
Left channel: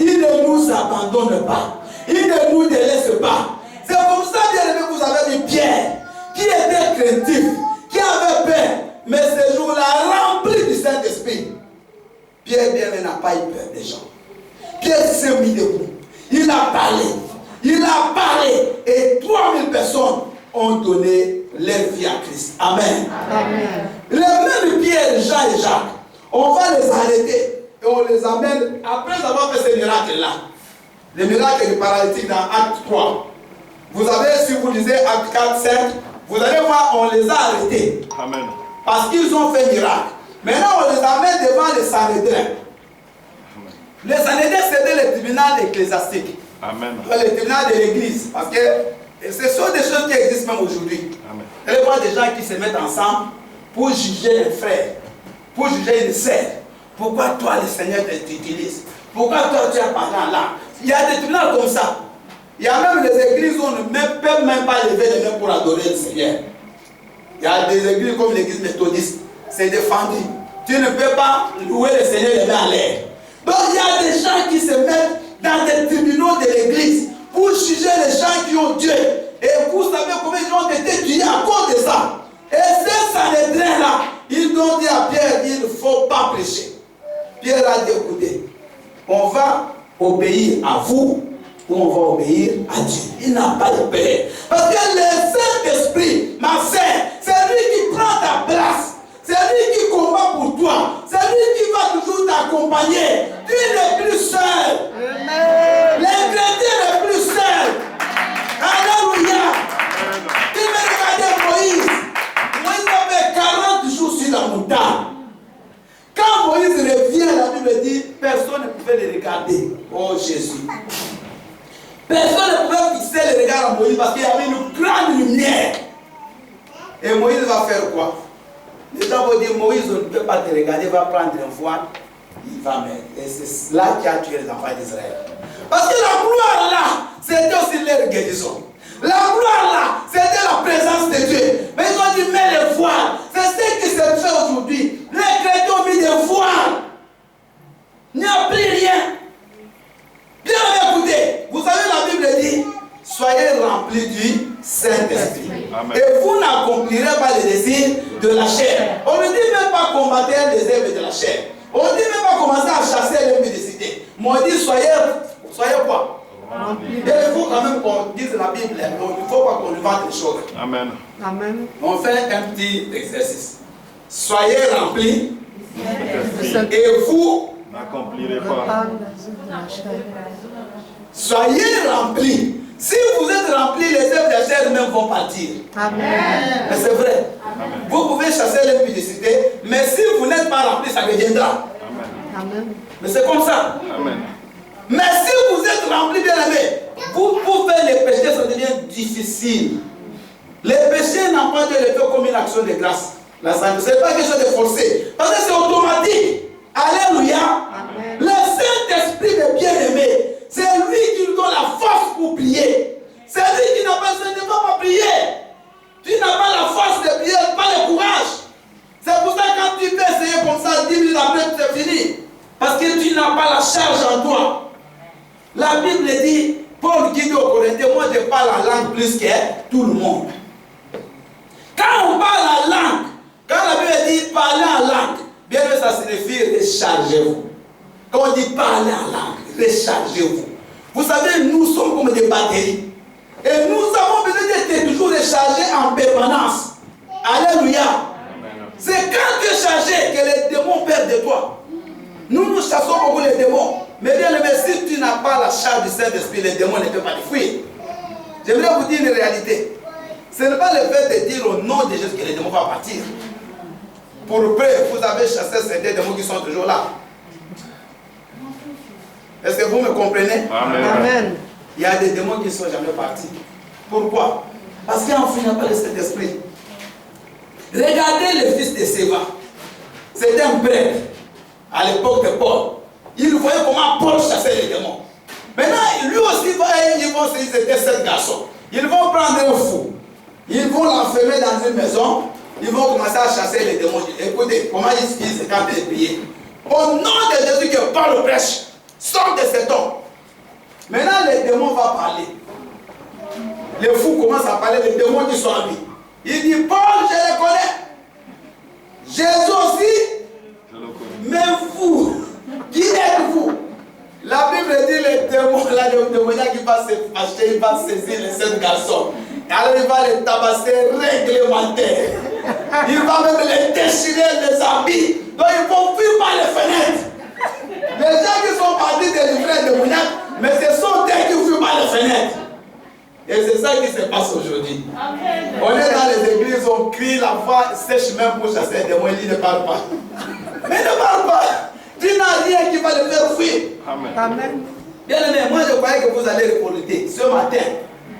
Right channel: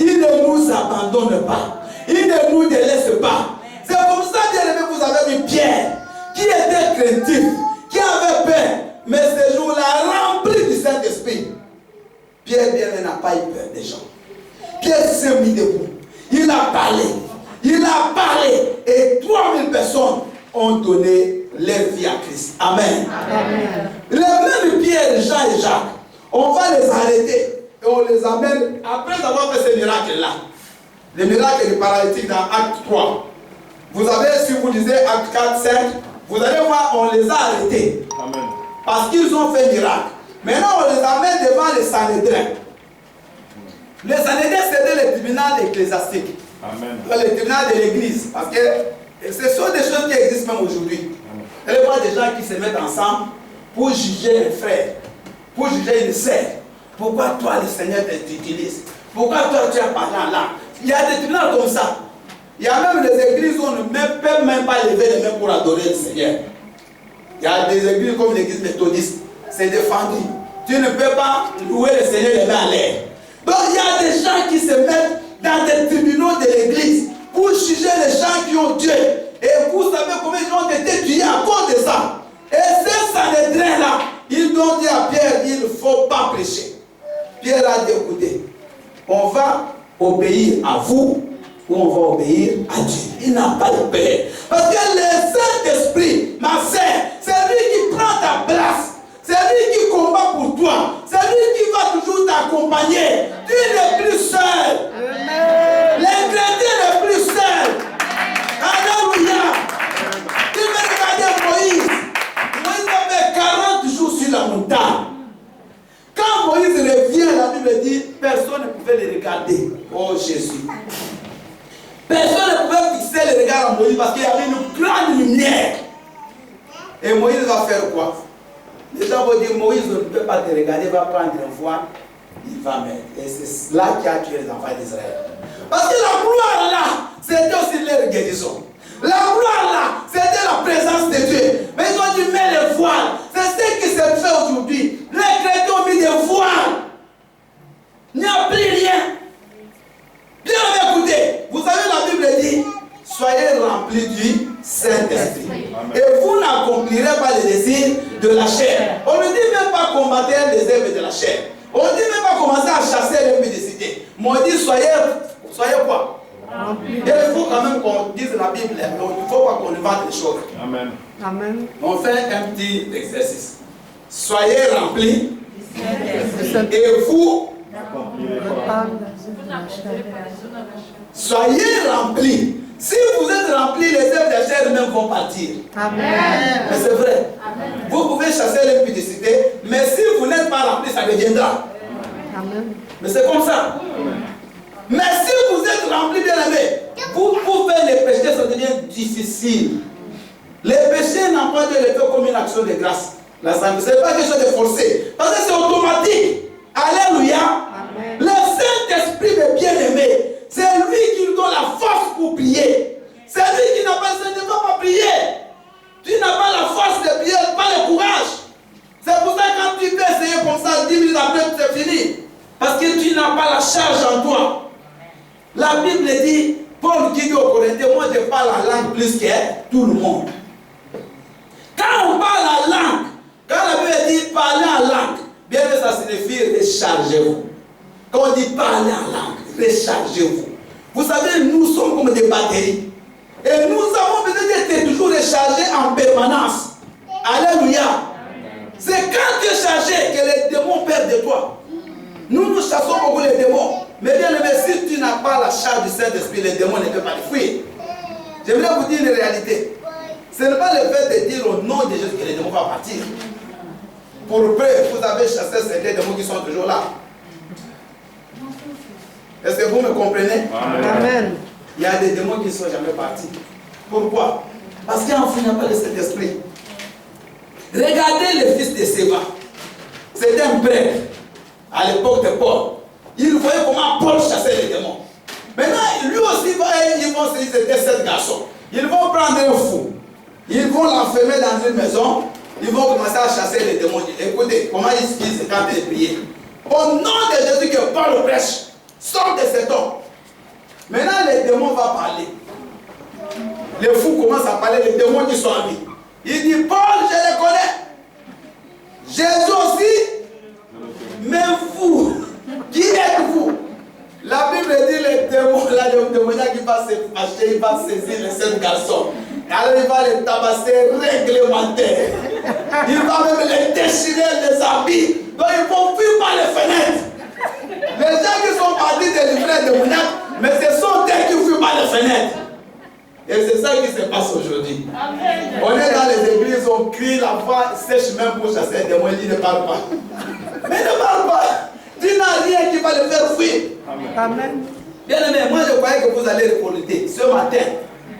Il ne nous abandonne pas. Il ne nous délaisse pas. C'est comme ça, bien aimé, vous avez vu Pierre, qui était craintif, qui avait peur, mais ce jour-là, rempli du Saint-Esprit. Pierre, bien aimé, n'a pas eu peur des gens. Pierre s'est mis debout. Il a parlé. Il a parlé. Et 3000 personnes ont donné leur vie à Christ. Amen. Amen. Les mêmes Pierre, Jean et Jacques, on va les arrêter et on les amène après avoir fait ce miracle-là. Le miracle du paralytique dans Acte 3. Vous avez, si vous lisez Acte 4, 5, vous allez voir, on les a arrêtés. Amen. Parce qu'ils ont fait miracle. Maintenant, on les amène devant les Sanhédrins. Les Sanhédrins, c'était le tribunal ecclésiastique. Amen. Le tribunal de l'église. Parce que ce sont des choses qui existent même aujourd'hui. Vous allez voir des gens qui se mettent ensemble pour juger un frère. pour juger une sœur. Pourquoi toi, le Seigneur t'utilise? Pourquoi toi, tu as parlé en langue? Il y a des tribunaux comme ça. Il y a même des églises où on ne peut même pas lever les mains pour adorer le Seigneur. Il y a des églises comme l'église méthodiste. C'est défendu. Tu ne peux pas louer le Seigneur les mains en l'air. Donc il y a des gens qui se mettent dans des tribunaux de l'église pour juger les gens qui ont Dieu. Et vous savez combien ils ont été tués à cause de ça. Et ces Sanhédrins-là, ils ont dit à Pierre, il ne faut pas prêcher. Pierre a dit, écoutez, on va obéir à vous ou on va obéir à Dieu. Il n'a pas de peur. Parce que le Saint-Esprit, ma sœur, c'est lui qui prend ta place. C'est lui qui combat pour toi. C'est lui qui va toujours t'accompagner. Tu n'es plus seul. L'ingrédient n'est plus seul. Alléluia. Tu veux regarder Moïse. Moïse avait 40 jours sur la montagne. Quand Moïse revient, la Bible dit, personne ne pouvait le regarder. Oh Jésus. Personne ne pouvait fixer le regard à Moïse parce qu'il y avait une grande lumière. Et Moïse va faire quoi? Les gens vont dire, Moïse ne peut pas te regarder, il va prendre un voile, il va mettre. Et c'est là qui a tué les enfants d'Israël. Parce que la gloire là, c'était aussi leur guérison. La gloire là, c'était la présence de Dieu. Mais ils ont dit, mets le voile. C'est ce qui se fait aujourd'hui. Les chrétiens ont mis des voiles. Il n'y a plus rien. Bien écoutez, vous savez, la Bible dit, soyez remplis du Saint-Esprit. Et vous n'accomplirez pas les désirs de la chair. On ne dit même pas combattre les œuvres de la chair. On ne dit même pas commencer à chasser l'impudicité. Mais on dit soyez quoi? Et il faut quand même qu'on dise la Bible. Il ne faut pas qu'on invente les choses. Amen. Amen. On fait un petit exercice. Soyez remplis. Et vous N'accomplirez pas. soyez remplis. Si vous êtes remplis, les œuvres de la chair même vont partir. Amen. Mais c'est vrai. Vous pouvez chasser l'impudicité, mais si vous n'êtes pas remplis, ça deviendra. Amen. Mais c'est comme ça. Amen. Mais si vous êtes remplis, bien aimé, vous pouvez les péchés, ça devient difficile. Les péchés n'ont pas de l'effet comme une action de grâce. La santé, ce n'est pas quelque chose de forcé. Parce que c'est automatique. Alléluia. Amen. Le Saint-Esprit de bien-aimé, c'est lui qui nous donne la force pour prier. C'est lui qui n'a pas besoin de pas prier. Tu n'as pas la force de prier, pas le courage. C'est pour ça que quand tu peux essayer comme ça, 10 minutes après, c'est fini. Parce que tu n'as pas la charge en toi. La Bible dit, Paul qui dit aux Corinthiens, moi je parle la langue plus que tout le monde. Quand on parle la langue, quand la Bible dit parler en langue, bien sûr ça signifie rechargez-vous. Quand on dit parler en langue, rechargez-vous. Vous savez, nous sommes comme des batteries. Et nous avons besoin d'être toujours rechargés en permanence. Alléluia. C'est quand tu es chargé que les démons perdent de toi. Nous chassons beaucoup les démons. Mais bien aimé, si tu n'as pas la charge du Saint-Esprit, les démons ne peuvent pas te fuir. J'aimerais vous dire une réalité. Ce n'est pas le fait de dire au nom de Jésus que les démons vont partir. Pour preuve, vous avez chassé certains démons qui sont toujours là. Est-ce que vous me comprenez? Amen. Amen. Il y a des démons qui ne sont jamais partis. Pourquoi? Parce qu'enfin, il n'y a pas le Saint-Esprit. Regardez le fils de Séva. C'était un prêtre à l'époque de Paul. Il voyait comment Paul chassait les démons. Maintenant, lui aussi, ils vont se dire c'était 7 garçons. Ils vont prendre un fou. Ils vont l'enfermer dans une maison. Ils vont commencer à chasser les démons. Écoutez, comment ils se captent de prier. Au nom de Jésus que Paul prêche, sort de cet homme. Maintenant, les démons vont parler. Les fous commencent à parler, les démons qui sont en lui. Il dit, Paul, je les connais. Jésus aussi. Mais vous, qui êtes-vous? La Bible dit les démons, là, le démoniaque qui va se fâcher, il va saisir les 7 garçons. Alors il va les tabasser réglementaires. Il va même les déchirer les habits. Donc ils vont fuir par les fenêtres. Les gens qui sont partis délivrer les démoniaques, mais ce sont eux qui fuient par les fenêtres. Et c'est ça qui se passe aujourd'hui. On est dans les églises, on crie, la voix sèche même pour chasser les démons, il ne parle pas. Mais ne parle pas. Tu n'as rien qui va le faire fuir. Amen. Bien aimé, moi je croyais que vous allez récolter ce matin.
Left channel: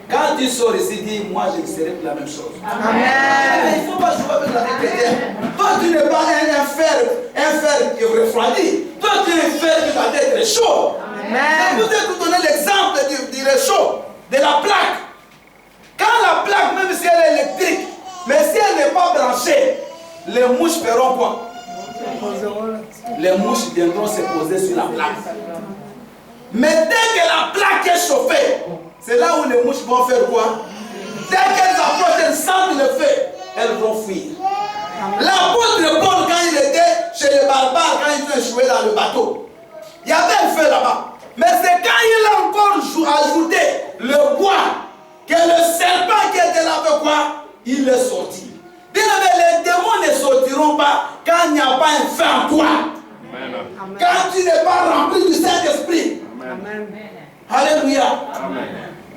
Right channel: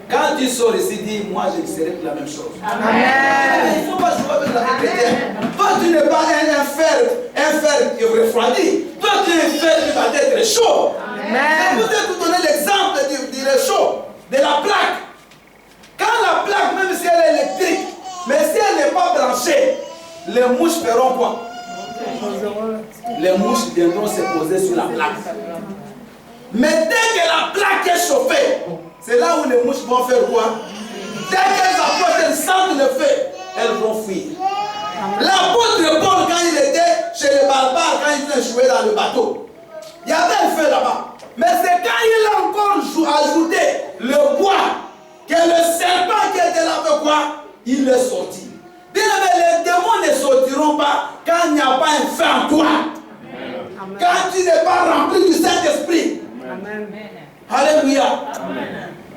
Quand tu sors ici, dis, moi je ne serai plus la même chose. Amen. Il ne faut pas jouer avec la vie chrétienne. Toi tu n'es pas un fer refroidi. Toi, tu es un fer qui va être chaud. Amen. Je vous ai tout donné l'exemple du réchaud, de la plaque. Quand la plaque, même si elle est électrique, mais si elle n'est pas branchée, les mouches feront quoi? Les mouches viendront se poser sur la plaque. Mais dès que la plaque est chauffée, c'est là où les mouches vont faire quoi? Dès qu'elles approchent, elles sentent le feu, elles vont fuir. L'apôtre Paul, quand il était chez les barbares, quand il venait jouer dans le bateau, il y avait un feu là-bas. Mais c'est quand il a encore ajouté le bois, que le serpent qui était là avec quoi? Il est sorti. Bien aimé, les démons ne sortiront pas quand il n'y a pas un feu en toi. Amen. Quand tu n'es pas rempli du Saint-Esprit. Alléluia.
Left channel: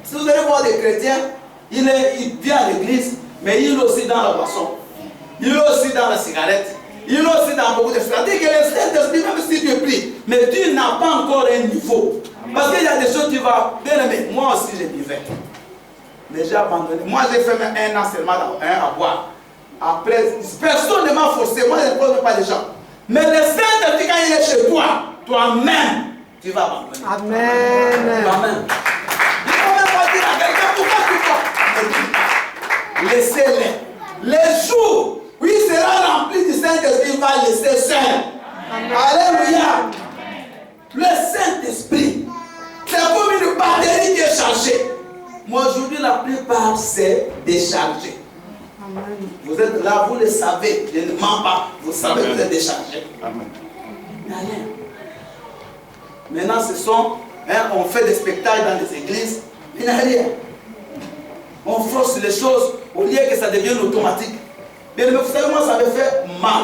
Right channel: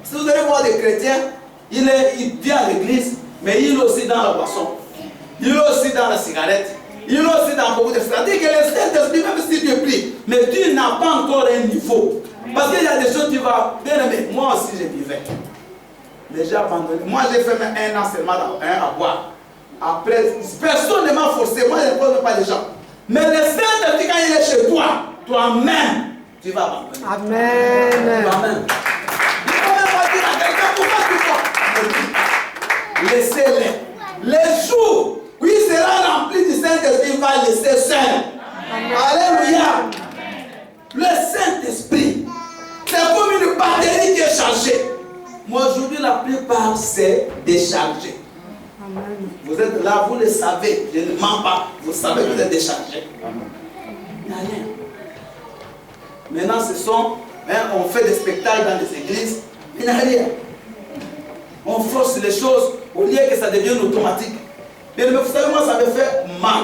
Si vous allez voir des chrétiens, il vient à l'église, mais il est aussi dans la boisson. Il est aussi dans la cigarette. Il est aussi dans beaucoup de choses. C'est-à-dire que le Saint-Esprit, même si tu pries, mais tu n'as pas encore un niveau. Parce qu'il y a des choses tu vas bien aimer. Moi aussi, je vivais. Mais j'ai abandonné. Moi, j'ai fait même 1 an seulement à boire. Après, personne ne m'a forcé. Moi, je ne pose pas les gens. Mais le Saint-Esprit, quand il est chez toi, toi-même, tu vas abandonner. Amen. Toi-même. Il ne faut même pas dire à quelqu'un pourquoi tu vas. Laissez-les. Les jours où il sera rempli du Saint-Esprit, il va laisser seul. Alléluia. Le Saint-Esprit, c'est comme une batterie qui est chargée. Moi, aujourd'hui, la plupart, c'est déchargé. Amen. Vous êtes là, vous le savez. Je ne mens pas. Vous savez que vous êtes déchargé. Il n'y a rien. Maintenant, on fait des spectacles dans les églises. Il n'y a rien. On force les choses au lieu que ça devienne automatique. Mais vous savez, moi, ça me fait mal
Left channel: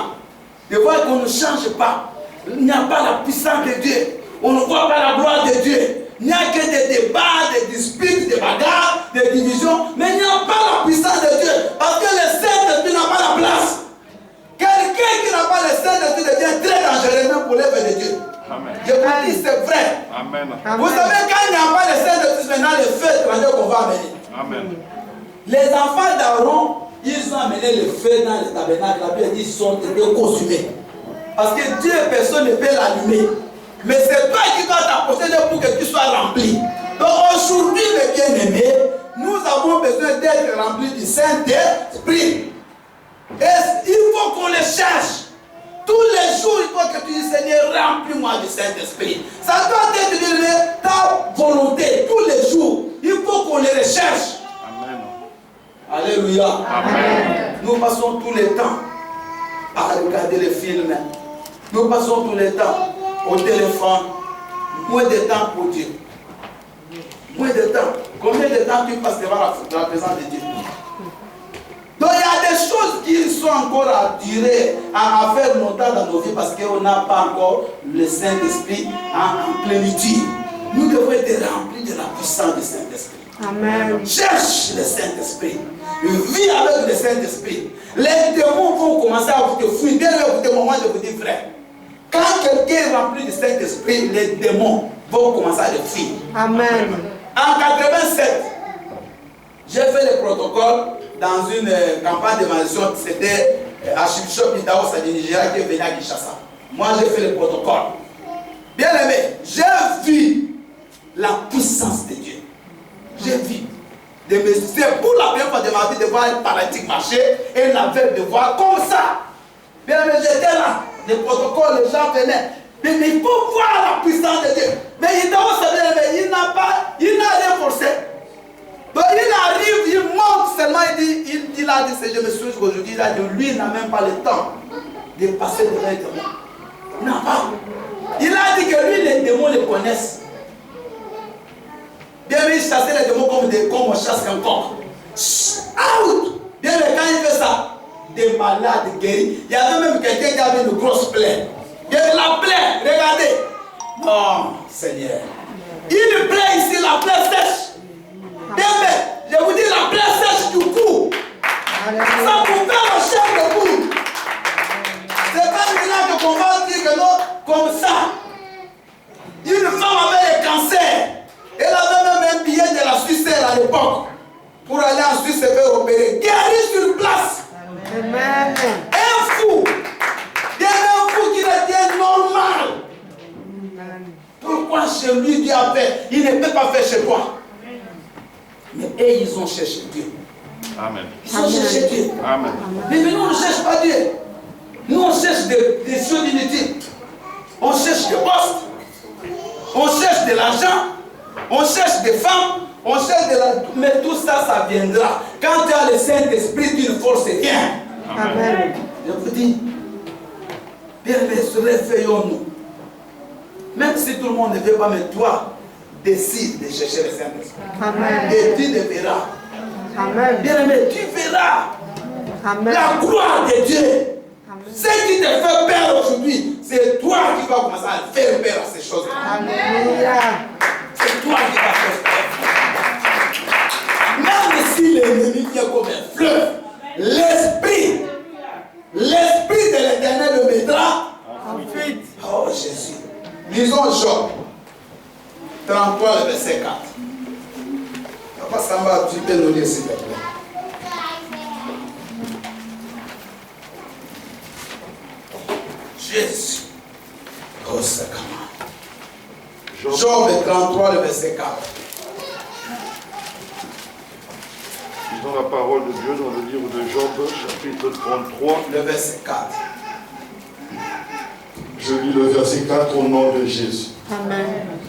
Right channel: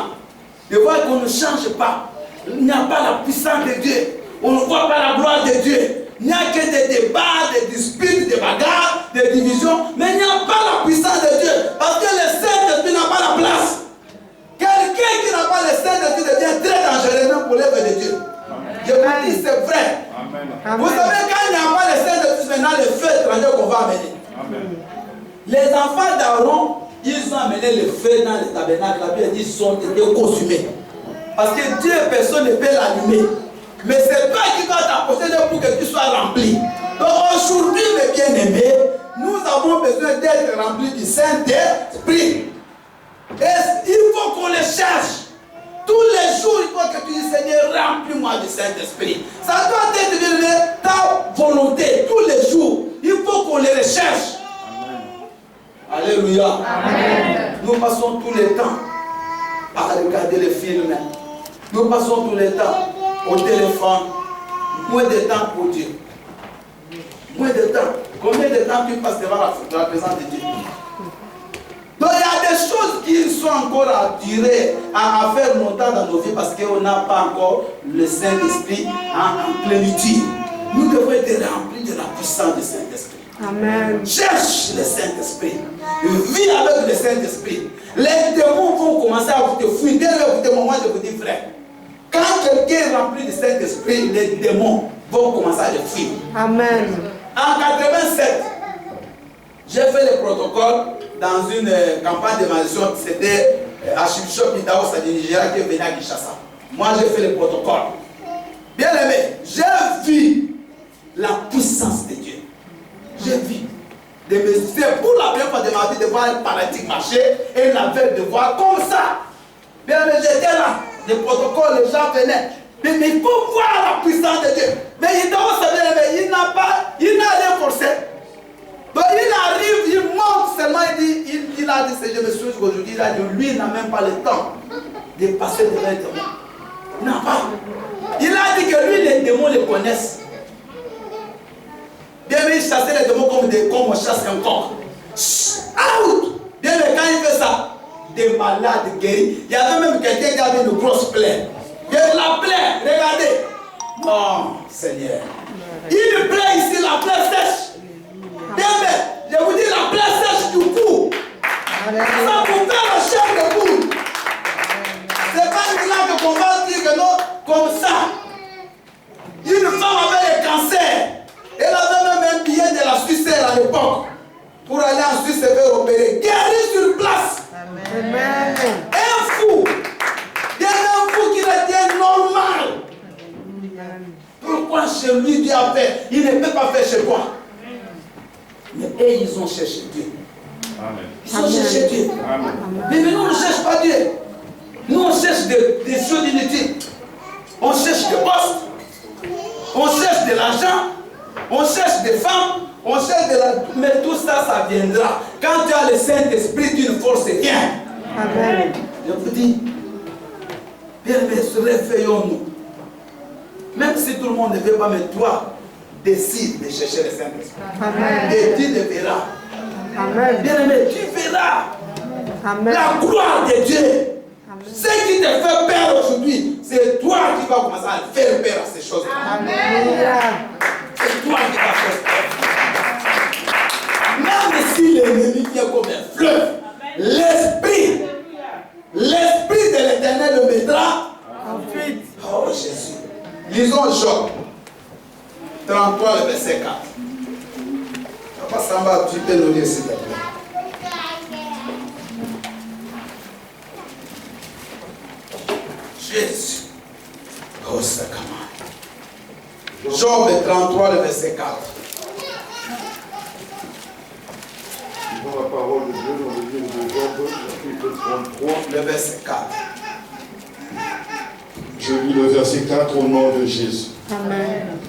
de voir qu'on ne change pas. Il n'y a pas la puissance de Dieu. On ne voit pas la gloire de Dieu. Il n'y a que des débats, des disputes, des bagarres, des divisions. Mais il n'y a pas la puissance de Dieu. Parce que le Saint-Esprit n'a pas la place. Quelqu'un qui n'a pas le Saint-Esprit devient très dangereux même pour l'œuvre de Dieu. Amen. Je vous dis, c'est vrai. Amen. Vous savez, quand il n'y a pas le Saint-Esprit, maintenant le feu étranger qu'on va amener. Amen. Les enfants d'Aaron, ils ont amené le feu dans le tabernacle. La Bible dit qu'ils ont été consumés. Parce que Dieu, personne ne peut l'allumer. Mais c'est toi qui dois t'approcher pour que tu sois rempli. Donc aujourd'hui, mes bien-aimés, nous avons besoin d'être remplis du Saint-Esprit. Et il faut qu'on le cherche. Tous les jours, il faut que tu dises, Seigneur, remplis-moi du Saint-Esprit. Ça doit être ta volonté. Tous les jours, il faut qu'on le recherche. Amen. Alléluia. Amen. Nous passons tous les temps à regarder les films. Nous passons tous les temps au téléphone. Moins de temps pour Dieu. Moins de temps. Combien de temps tu passes devant la présence de Dieu? Donc il y a des choses qui sont encore à durer, à faire longtemps dans nos vies parce qu'on n'a pas encore le Saint-Esprit en plénitude. Nous devons être remplis de la puissance du Saint-Esprit. Amen. Cherche le Saint-Esprit. Vis avec le Saint-Esprit. Les démons vont commencer à vous te fuir. Dès le moment, je vous dis, frère, quand quelqu'un est rempli du Saint-Esprit, les démons vont commencer à le fuir. Amen. En 87, j'ai fait le protocole dans une campagne d'évaluation. C'était Archbishop Idaho Sadi Nigeria qui est venu à Kinshasa. Moi, j'ai fait le protocole. Bien aimé, j'ai vu la puissance de Dieu. J'ai vu. C'est pour la première fois de ma vie de voir un paralytique marcher et un aveugle de voir comme ça. Bien aimé, j'étais là. Le protocole, les gens venaient. Mais il faut voir la puissance de Dieu. Mais Idaho Sadi, il n'a rien forcé. Donc il arrive, il monte seulement, il a dit, je me suis aujourd'hui, il a dit, lui il n'a même pas le temps de passer devant les démons. Il n'a pas. Il a dit que lui, les démons le connaissent. Bien, mais il chassait les démons comme on chasse un coq. Out! Bien, mais quand il fait ça, des malades guéris. Il y avait même quelqu'un qui avait une grosse plaie. Il y avait la plaie, regardez. Oh, Seigneur. Il plaît ici, la plaie sèche. Bien, mais je vous dis, la plaie sèche du cou. Ça vous fait la chair de boue. C'est pas maintenant qu'on va dire que non, comme ça. Une femme avait le cancer. Elle avait même un billet de la Suisse à l'époque. Pour aller en Suisse se faire opérer. Guéri sur place. Amen. Un fou. Il y a un fou qui était normal. chez lui, Dieu a fait. Il ne peut pas faire chez toi. Mais eux, ils ont cherché Dieu. Amen. Ils ont cherché Dieu. Amen. Mais nous, on ne cherche pas Dieu. Nous, on cherche des choses inutiles. On cherche des postes. On cherche de l'argent. On cherche des femmes. On cherche de la... Mais tout ça, ça viendra. Quand tu as le Saint-Esprit, tu ne forces rien. Amen. Je vous dis, bien-aimés, réveillons-nous. Même si tout le monde ne veut pas, mais toi, décide de chercher le Saint-Esprit. Amen. Et tu le verras. Amen. Bien-aimé, tu verras Amen. la gloire de Dieu. Amen. Ce qui te fait peur aujourd'hui, c'est toi qui vas commencer à faire peur à ces choses-là. Alléluia. C'est toi qui vas faire peur. Même si l'ennemi vient comme un fleuve, l'esprit de l'Éternel le mettra En fuite. Oh Jésus. Lisons Job 33, le verset 4. Papa Samba, tu peux nous lire s'il te plaît. Jésus. Oh, c'est comment. Job 33, le verset 4. Lisons la parole de Dieu dans le livre de Job, chapitre 33. Le verset 4. Je lis le verset 4 au nom de Jésus. Amen.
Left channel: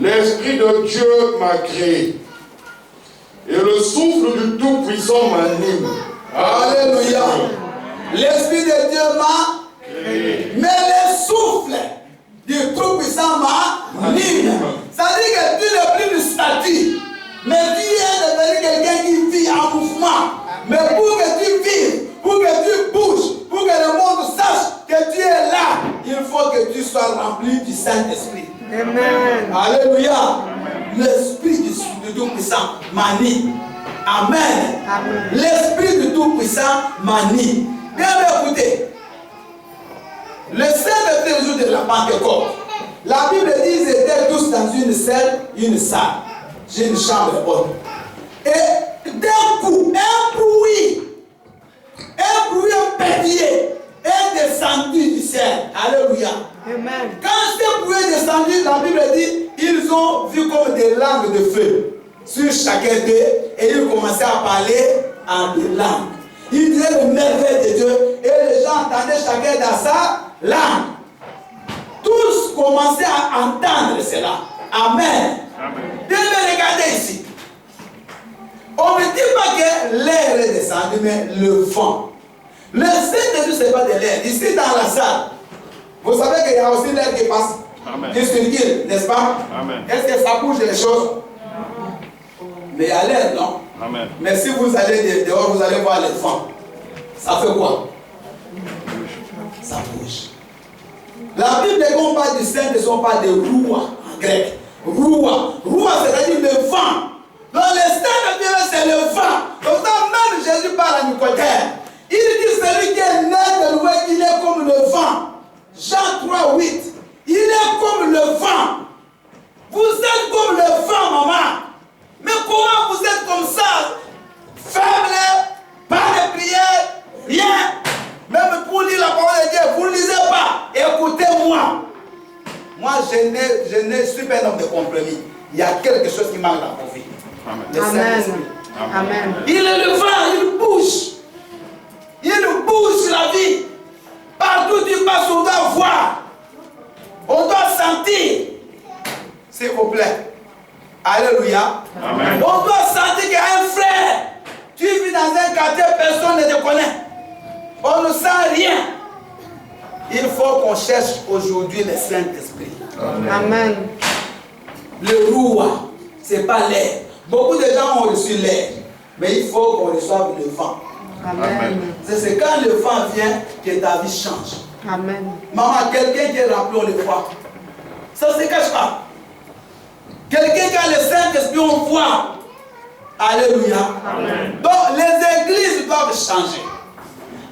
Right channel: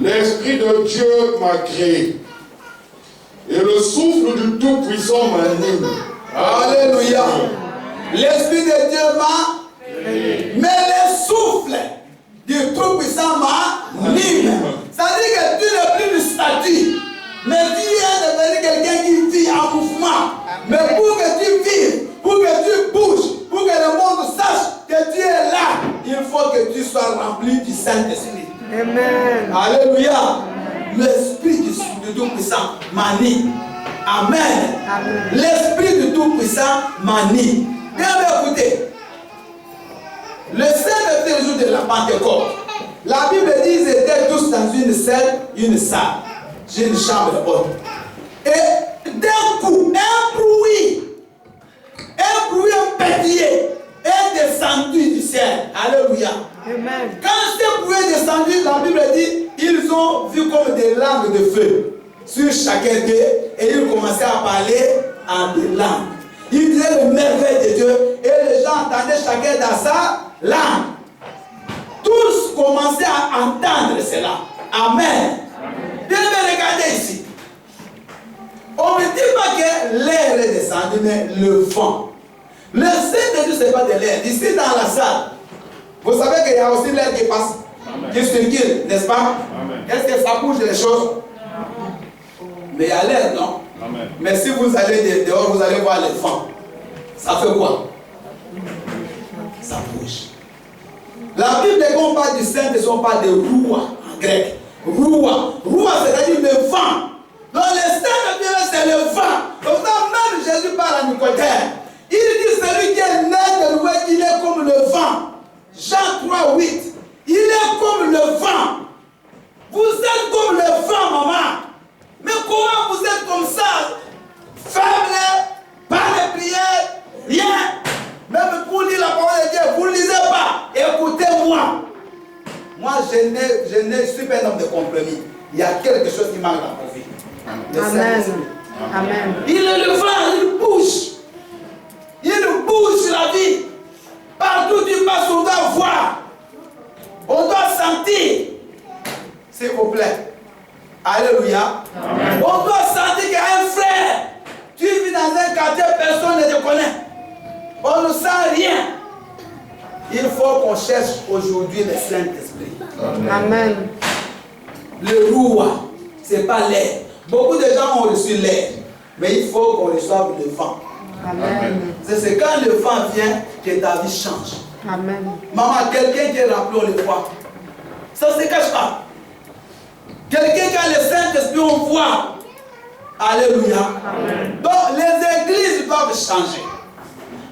L'Esprit de Dieu m'a créé et le souffle du Tout-Puissant m'anime. Alléluia. L'Esprit de Dieu m'a créé. Mais le souffle du Tout-Puissant m'anime. Ça dit que tu n'es plus du statut. Mais tu es devenu quelqu'un qui vit en mouvement. Mais pour que tu vives, pour que tu bouges, pour que le monde sache que tu es là, il faut que tu sois rempli du Saint-Esprit. Amen. Alléluia. L'Esprit du Tout-Puissant m'anime. Amen. Amen. L'Esprit du Tout-Puissant m'anime. Bien écoutez. Le Saint-Esprit, le jour de la Pentecôte, la Bible dit qu'ils étaient tous dans une salle. J'ai une chambre haute. Et d'un coup, un bruit pétillé est descendu du ciel. Alléluia. Amen. Quand ce bruit est descendu, la Bible dit, ils ont vu comme des langues de feu sur chacun d'eux et ils commençaient à parler en des langues. Ils disaient le merveille de Dieu et les gens entendaient chacun dans sa langue. Tous commençaient à entendre cela. Amen. Bien, regardez ici. On ne dit pas que l'air est descendu, mais le vent. Le Saint-Esprit, ce n'est pas de l'air. Ici, dans la salle, vous savez qu'il y a aussi l'air qui passe, qui circule, n'est-ce pas? Amen. Est-ce que ça bouge les choses? Mais il y a l'air, non? Amen. Mais si vous allez dehors, vous allez voir le vent. Ça fait quoi? Ça bouge. La Bible, quand on parle du Saint-Esprit, on parle de roua en grec. Roua. Roua, c'est-à-dire le vent. Donc le Saint-Esprit, c'est le vent. Donc même Jésus parle à Nicodème. Il dit celui qui est né de l'ouest, il est comme le vent. Jean 3, 8. Il est comme le vent. Vous êtes comme le vent, maman. Mais comment vous êtes comme ça? Faible, pas de prière, rien. Même pour lire la parole de Dieu, vous ne lisez pas. Écoutez-moi. Moi, je suis pas un homme de compromis. Il y a quelque chose qui manque dans ma vie. Amen. Amen. Il est le vent, il bouge. Il bouge sur la vie. Partout où tu passes, on doit voir. On doit sentir. S'il vous plaît. Alléluia. Amen. On doit sentir qu'il y a un frère. Tu vis dans un quartier, personne ne te connaît. On ne sent rien. Il faut qu'on cherche aujourd'hui le Saint-Esprit. Amen. Le roua, ce n'est pas l'air. Beaucoup de gens ont reçu l'air. Mais il faut qu'on reçoive le vent. Amen. C'est quand le vent vient que ta vie change. Amen. Maman, quelqu'un qui est rempli, on le voit. Ça ne se cache pas. Quelqu'un qui a le Saint-Esprit, on voit. Alléluia. Amen. Donc, les églises doivent changer.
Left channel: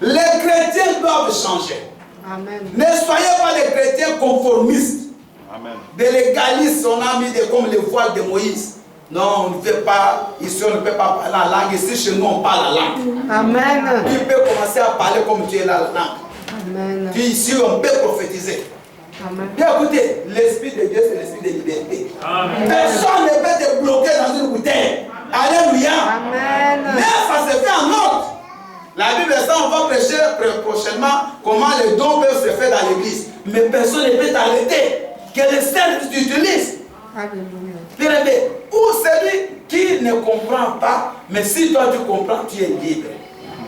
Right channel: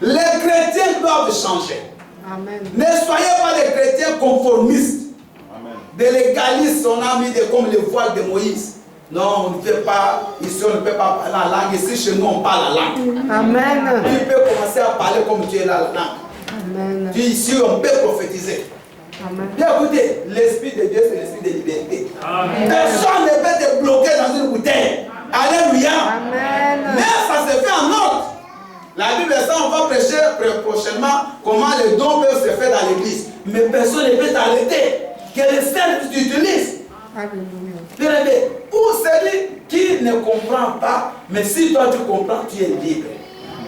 Les chrétiens doivent changer. Amen. Ne soyez pas des chrétiens conformistes. Amen. Des légalistes, on a mis comme le voile de Moïse. Non, on ne fait pas, ici on ne peut pas parler la langue. Ici chez nous on parle la langue. Amen. Tu peux commencer à parler comme tu es là la langue. Amen. Puis ici on peut prophétiser. Bien écoutez, l'Esprit de Dieu, c'est l'Esprit de liberté. Personne ne peut te bloquer dans une bouteille. Alléluia. Amen. Mais ça se fait en ordre. La Bible, ça, on va prêcher prochainement comment les dons peuvent se faire dans l'église. Mais personne ne peut t'arrêter. Que le Seigneur t'utilise. Alléluia. Bien-aimé, ou celui qui ne comprend pas, mais si toi tu comprends, tu es libre.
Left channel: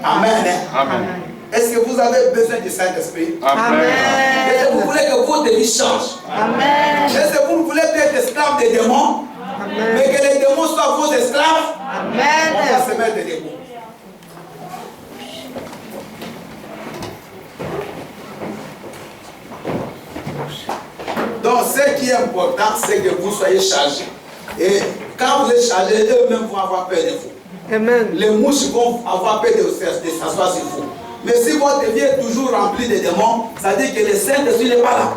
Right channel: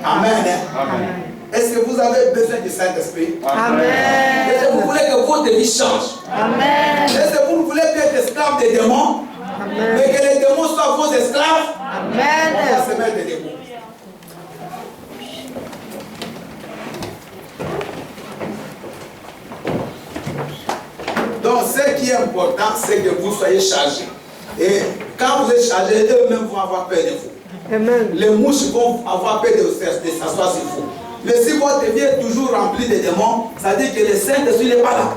Amen. Amen. Est-ce que vous avez besoin du Saint-Esprit? Amen. Est-ce que vous voulez que votre vie change? Amen. Est-ce que vous ne voulez plus être esclave des démons? Amen. Mais que les démons soient vos esclaves? Amen. On va se mettre debout. Donc, ce qui est important, c'est que vous soyez chargés. Et quand vous êtes chargés, eux-mêmes vont avoir peur de vous. Amen. Les mouches vont avoir peur de s'asseoir sur vous. Mais si votre vie est toujours remplie de démons, ça dit que le Saint-Esprit n'est pas là.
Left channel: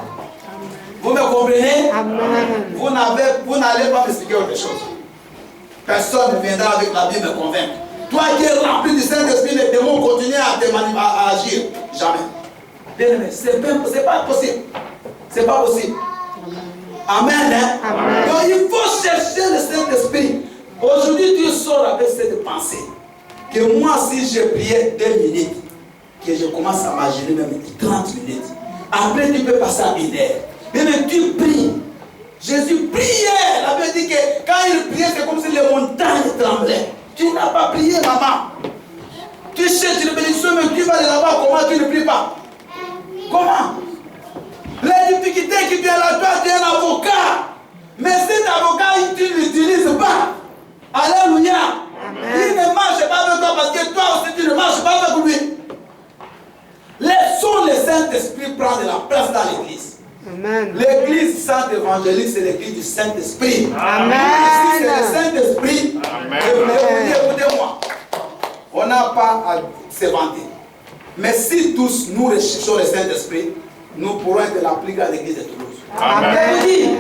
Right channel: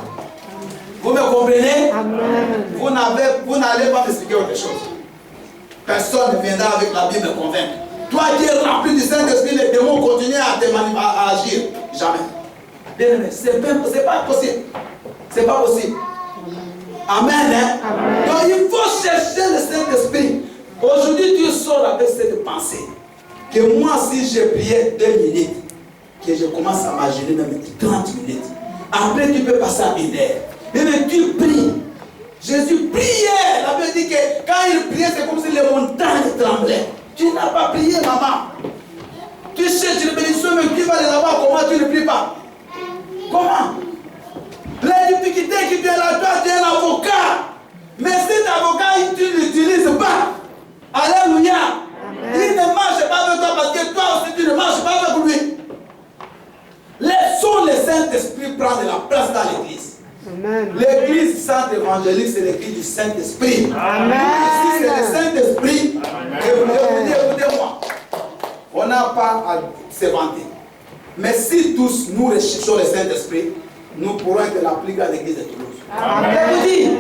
Vous me comprenez? Amen. Vous n'allez pas m'expliquer autre chose. Personne ne viendra avec la Bible me convaincre. Toi qui es rempli du Saint-Esprit, les démons continuent à agir. Jamais. Bien aimé, c'est pas possible. C'est pas possible. Amen. Hein? Amen. Donc il faut chercher le Saint-Esprit. Aujourd'hui, tu sors avec cette pensée. Que moi, si je priais 2 minutes, que je commence à m'agir même 30 minutes. Après, tu peux passer à 1 heure. Mais tu pries. Jésus priait. La Bible dit que quand il priait, c'est comme si les montagnes tremblaient. Tu n'as pas prié, maman. Tu cherches les bénédictions, mais tu vas les avoir. Comment tu ne pries pas? Comment? Les difficultés qui viennent à toi, tu es un avocat. Mais cet avocat, tu ne l'utilises pas. Alléluia. Il ne marche pas avec toi parce que toi aussi tu ne marches pas avec lui. Laissons le Saint-Esprit prendre la place dans l'église. Amen. L'église sainte évangélique, c'est l'église du Saint-Esprit. Amen. Si c'est le Saint-Esprit, écoutez-moi, on n'a pas à se vanter. Mais si tous nous recherchons le Saint-Esprit, nous pourrons être la plus grande église de Toulouse. Amen. Je vous dis,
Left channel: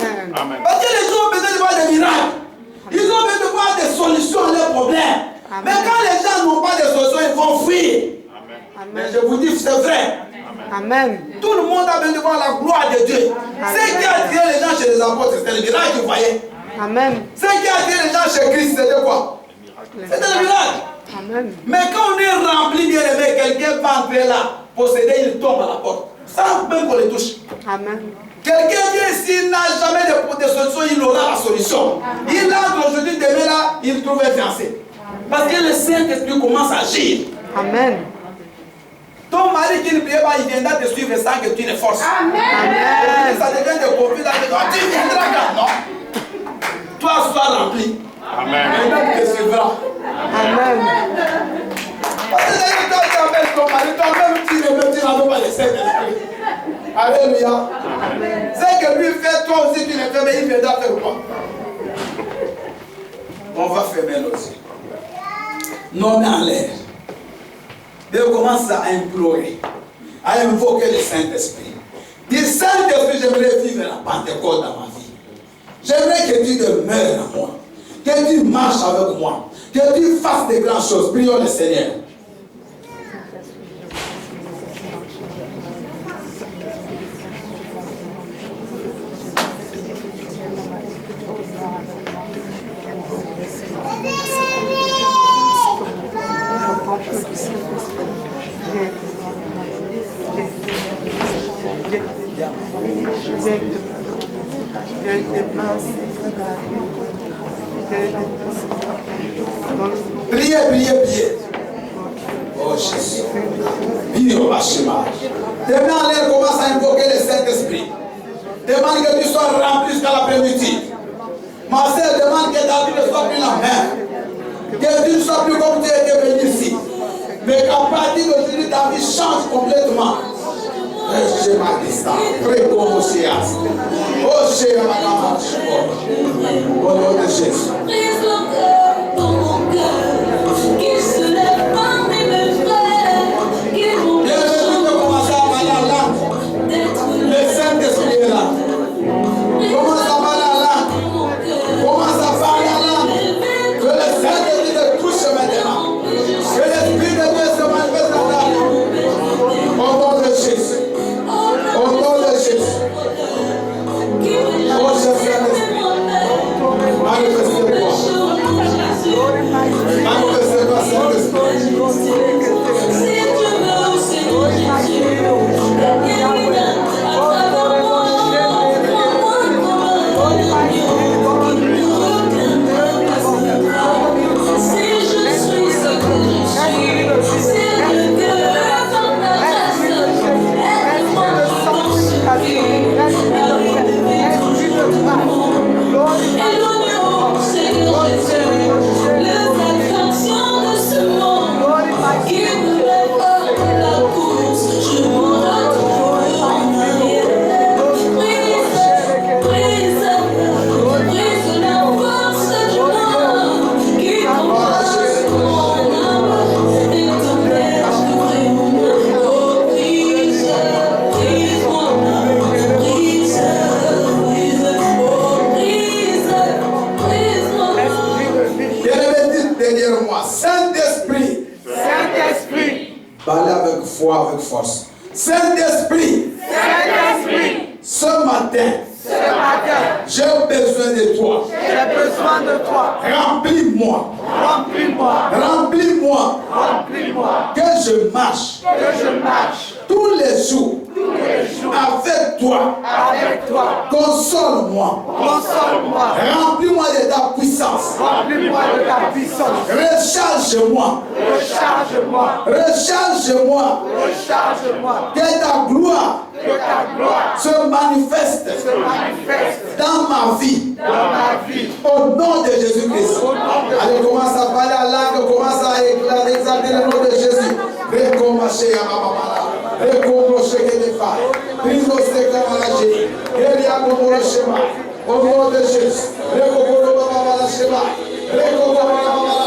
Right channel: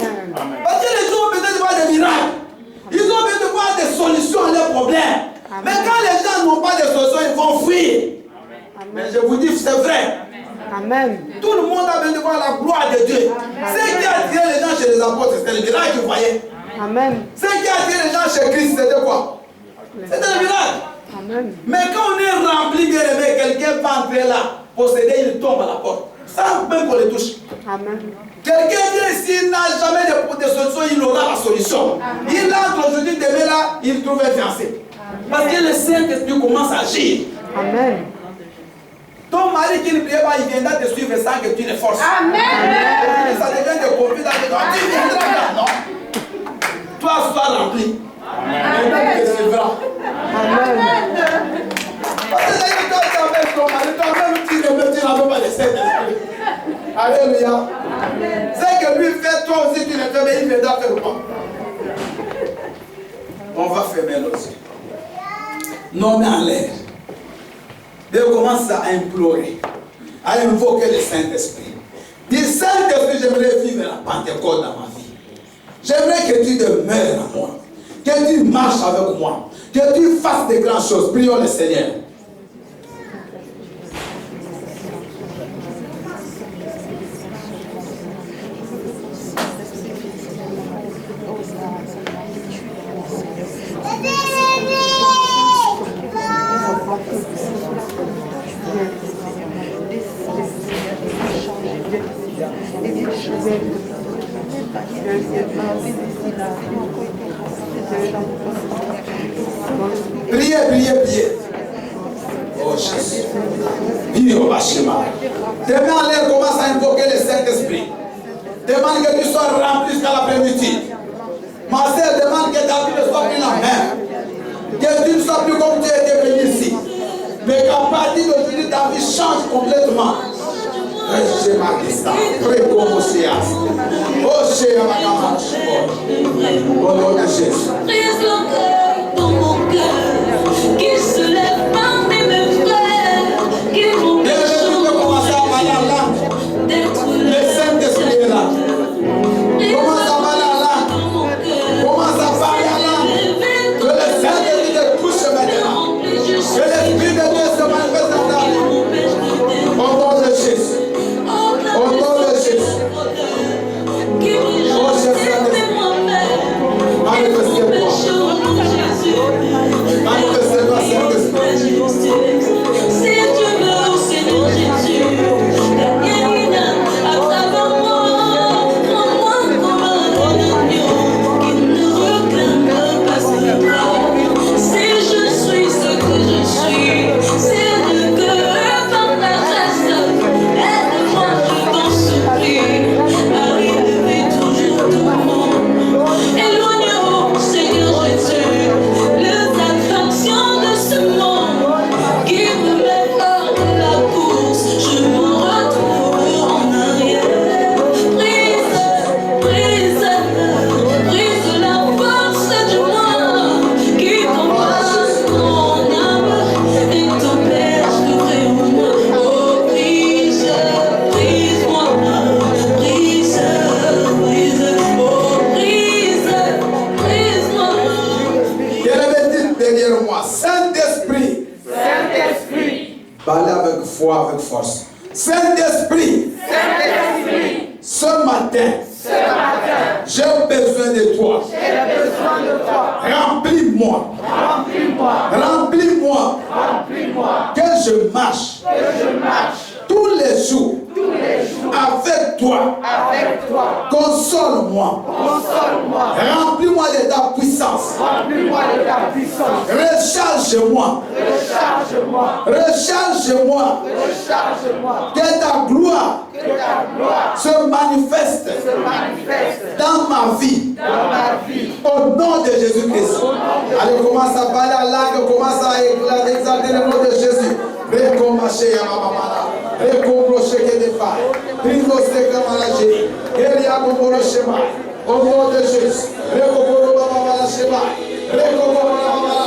parce que les gens ont besoin de voir des miracles. Ils ont besoin de voir des solutions à leurs problèmes. Amen. Mais quand les gens n'ont pas de solutions, ils vont fuir. Mais je vous dis, c'est vrai. Amen. Tout le monde a besoin de voir la gloire de Dieu. Ce qui a attiré les gens chez les apôtres, c'était le miracle qu'ils voyaient. Amen. Ce qui a attiré les gens chez Christ, c'était quoi? C'était le miracle. Amen. Mais quand on est rempli, bien aimé, quelqu'un va entrer là, posséder, il tombe à la porte. Sans même qu'on le touche. Amen. Quelqu'un vient ici, il n'a jamais de solution, il aura la solution. Il entre aujourd'hui, demain là, il trouve un fiancé. Parce que le Saint-Esprit commence à agir. Amen. Ton mari qui ne prie pas, il viendra te suivre sans que tu le forces. Amen. Ça devient des conflits avec toi. Tu viendras là, non? Toi, sois rempli. Amen. Et te suivra. Amen. Parce que toi, tu appelles ton mari, toi-même, tu n'avais pas le Saint-Esprit. Alléluia. C'est que lui fait, toi aussi tu le fais, mais il viendra faire quoi? On va fermer nos yeux. Non, mais en l'air. Et on commence à implorer, à invoquer le Saint-Esprit. Dis, Saint-Esprit, j'aimerais vivre la Pentecôte dans ma vie. J'aimerais que tu demeures en moi, que tu marches avec moi, que tu fasses de grandes choses. Prions le Seigneur. Priez, priez, priez. Oh Jésus. Bio Hashima. Demain en l'air, commence à invoquer le Saint-Esprit. Demande que tu sois rempli jusqu'à l'après-midi. Ma sœur, demande que ta vie ne soit plus la même. Que tu ne sois plus comme tu étais venu ici. Mais qu'à partir d'aujourd'hui, ta vie change complètement. Au nom de Jésus. Brise le cœur dans mon cœur, qu'il se lève parmi mes frères, qu'il m'ont commencer à parler en langue. Le Saint-Esprit est là. Commence à parler en langue. Commence à parler en langue. Que le Saint-Esprit te touche maintenant. Que l'Esprit de Dieu se manifeste dans ta vie. Au nom de Jésus. Au nom de Jésus. Parlez avec foi, avec force. Saint-Esprit, ce matin, j'ai besoin de toi. J'ai besoin de toi. Remplis-moi. Remplis-moi. Remplis-moi. Remplis-moi. Que je marche Que je marche tous les jours tous les jours avec toi. avec toi. Console-moi. Console-moi. Remplis-moi de ta puissance. Remplis-moi de ta puissance. Recharge-moi. Recharge-moi. Recharge-moi. Recharge-moi. Que ta gloire Que ta gloire se manifeste se manifeste dans ma vie. dans ma vie. Au nom de Jésus-Christ. Allez, commence à parler à langue, commence à exalter le nom de Jésus. Recommence à Mamamala. Recommence à Kedefai. Prise de Kamalaji. Elia Momoro Shema. Au nom de Jésus. Recommence à Mamala Shema. Recommence à Mamala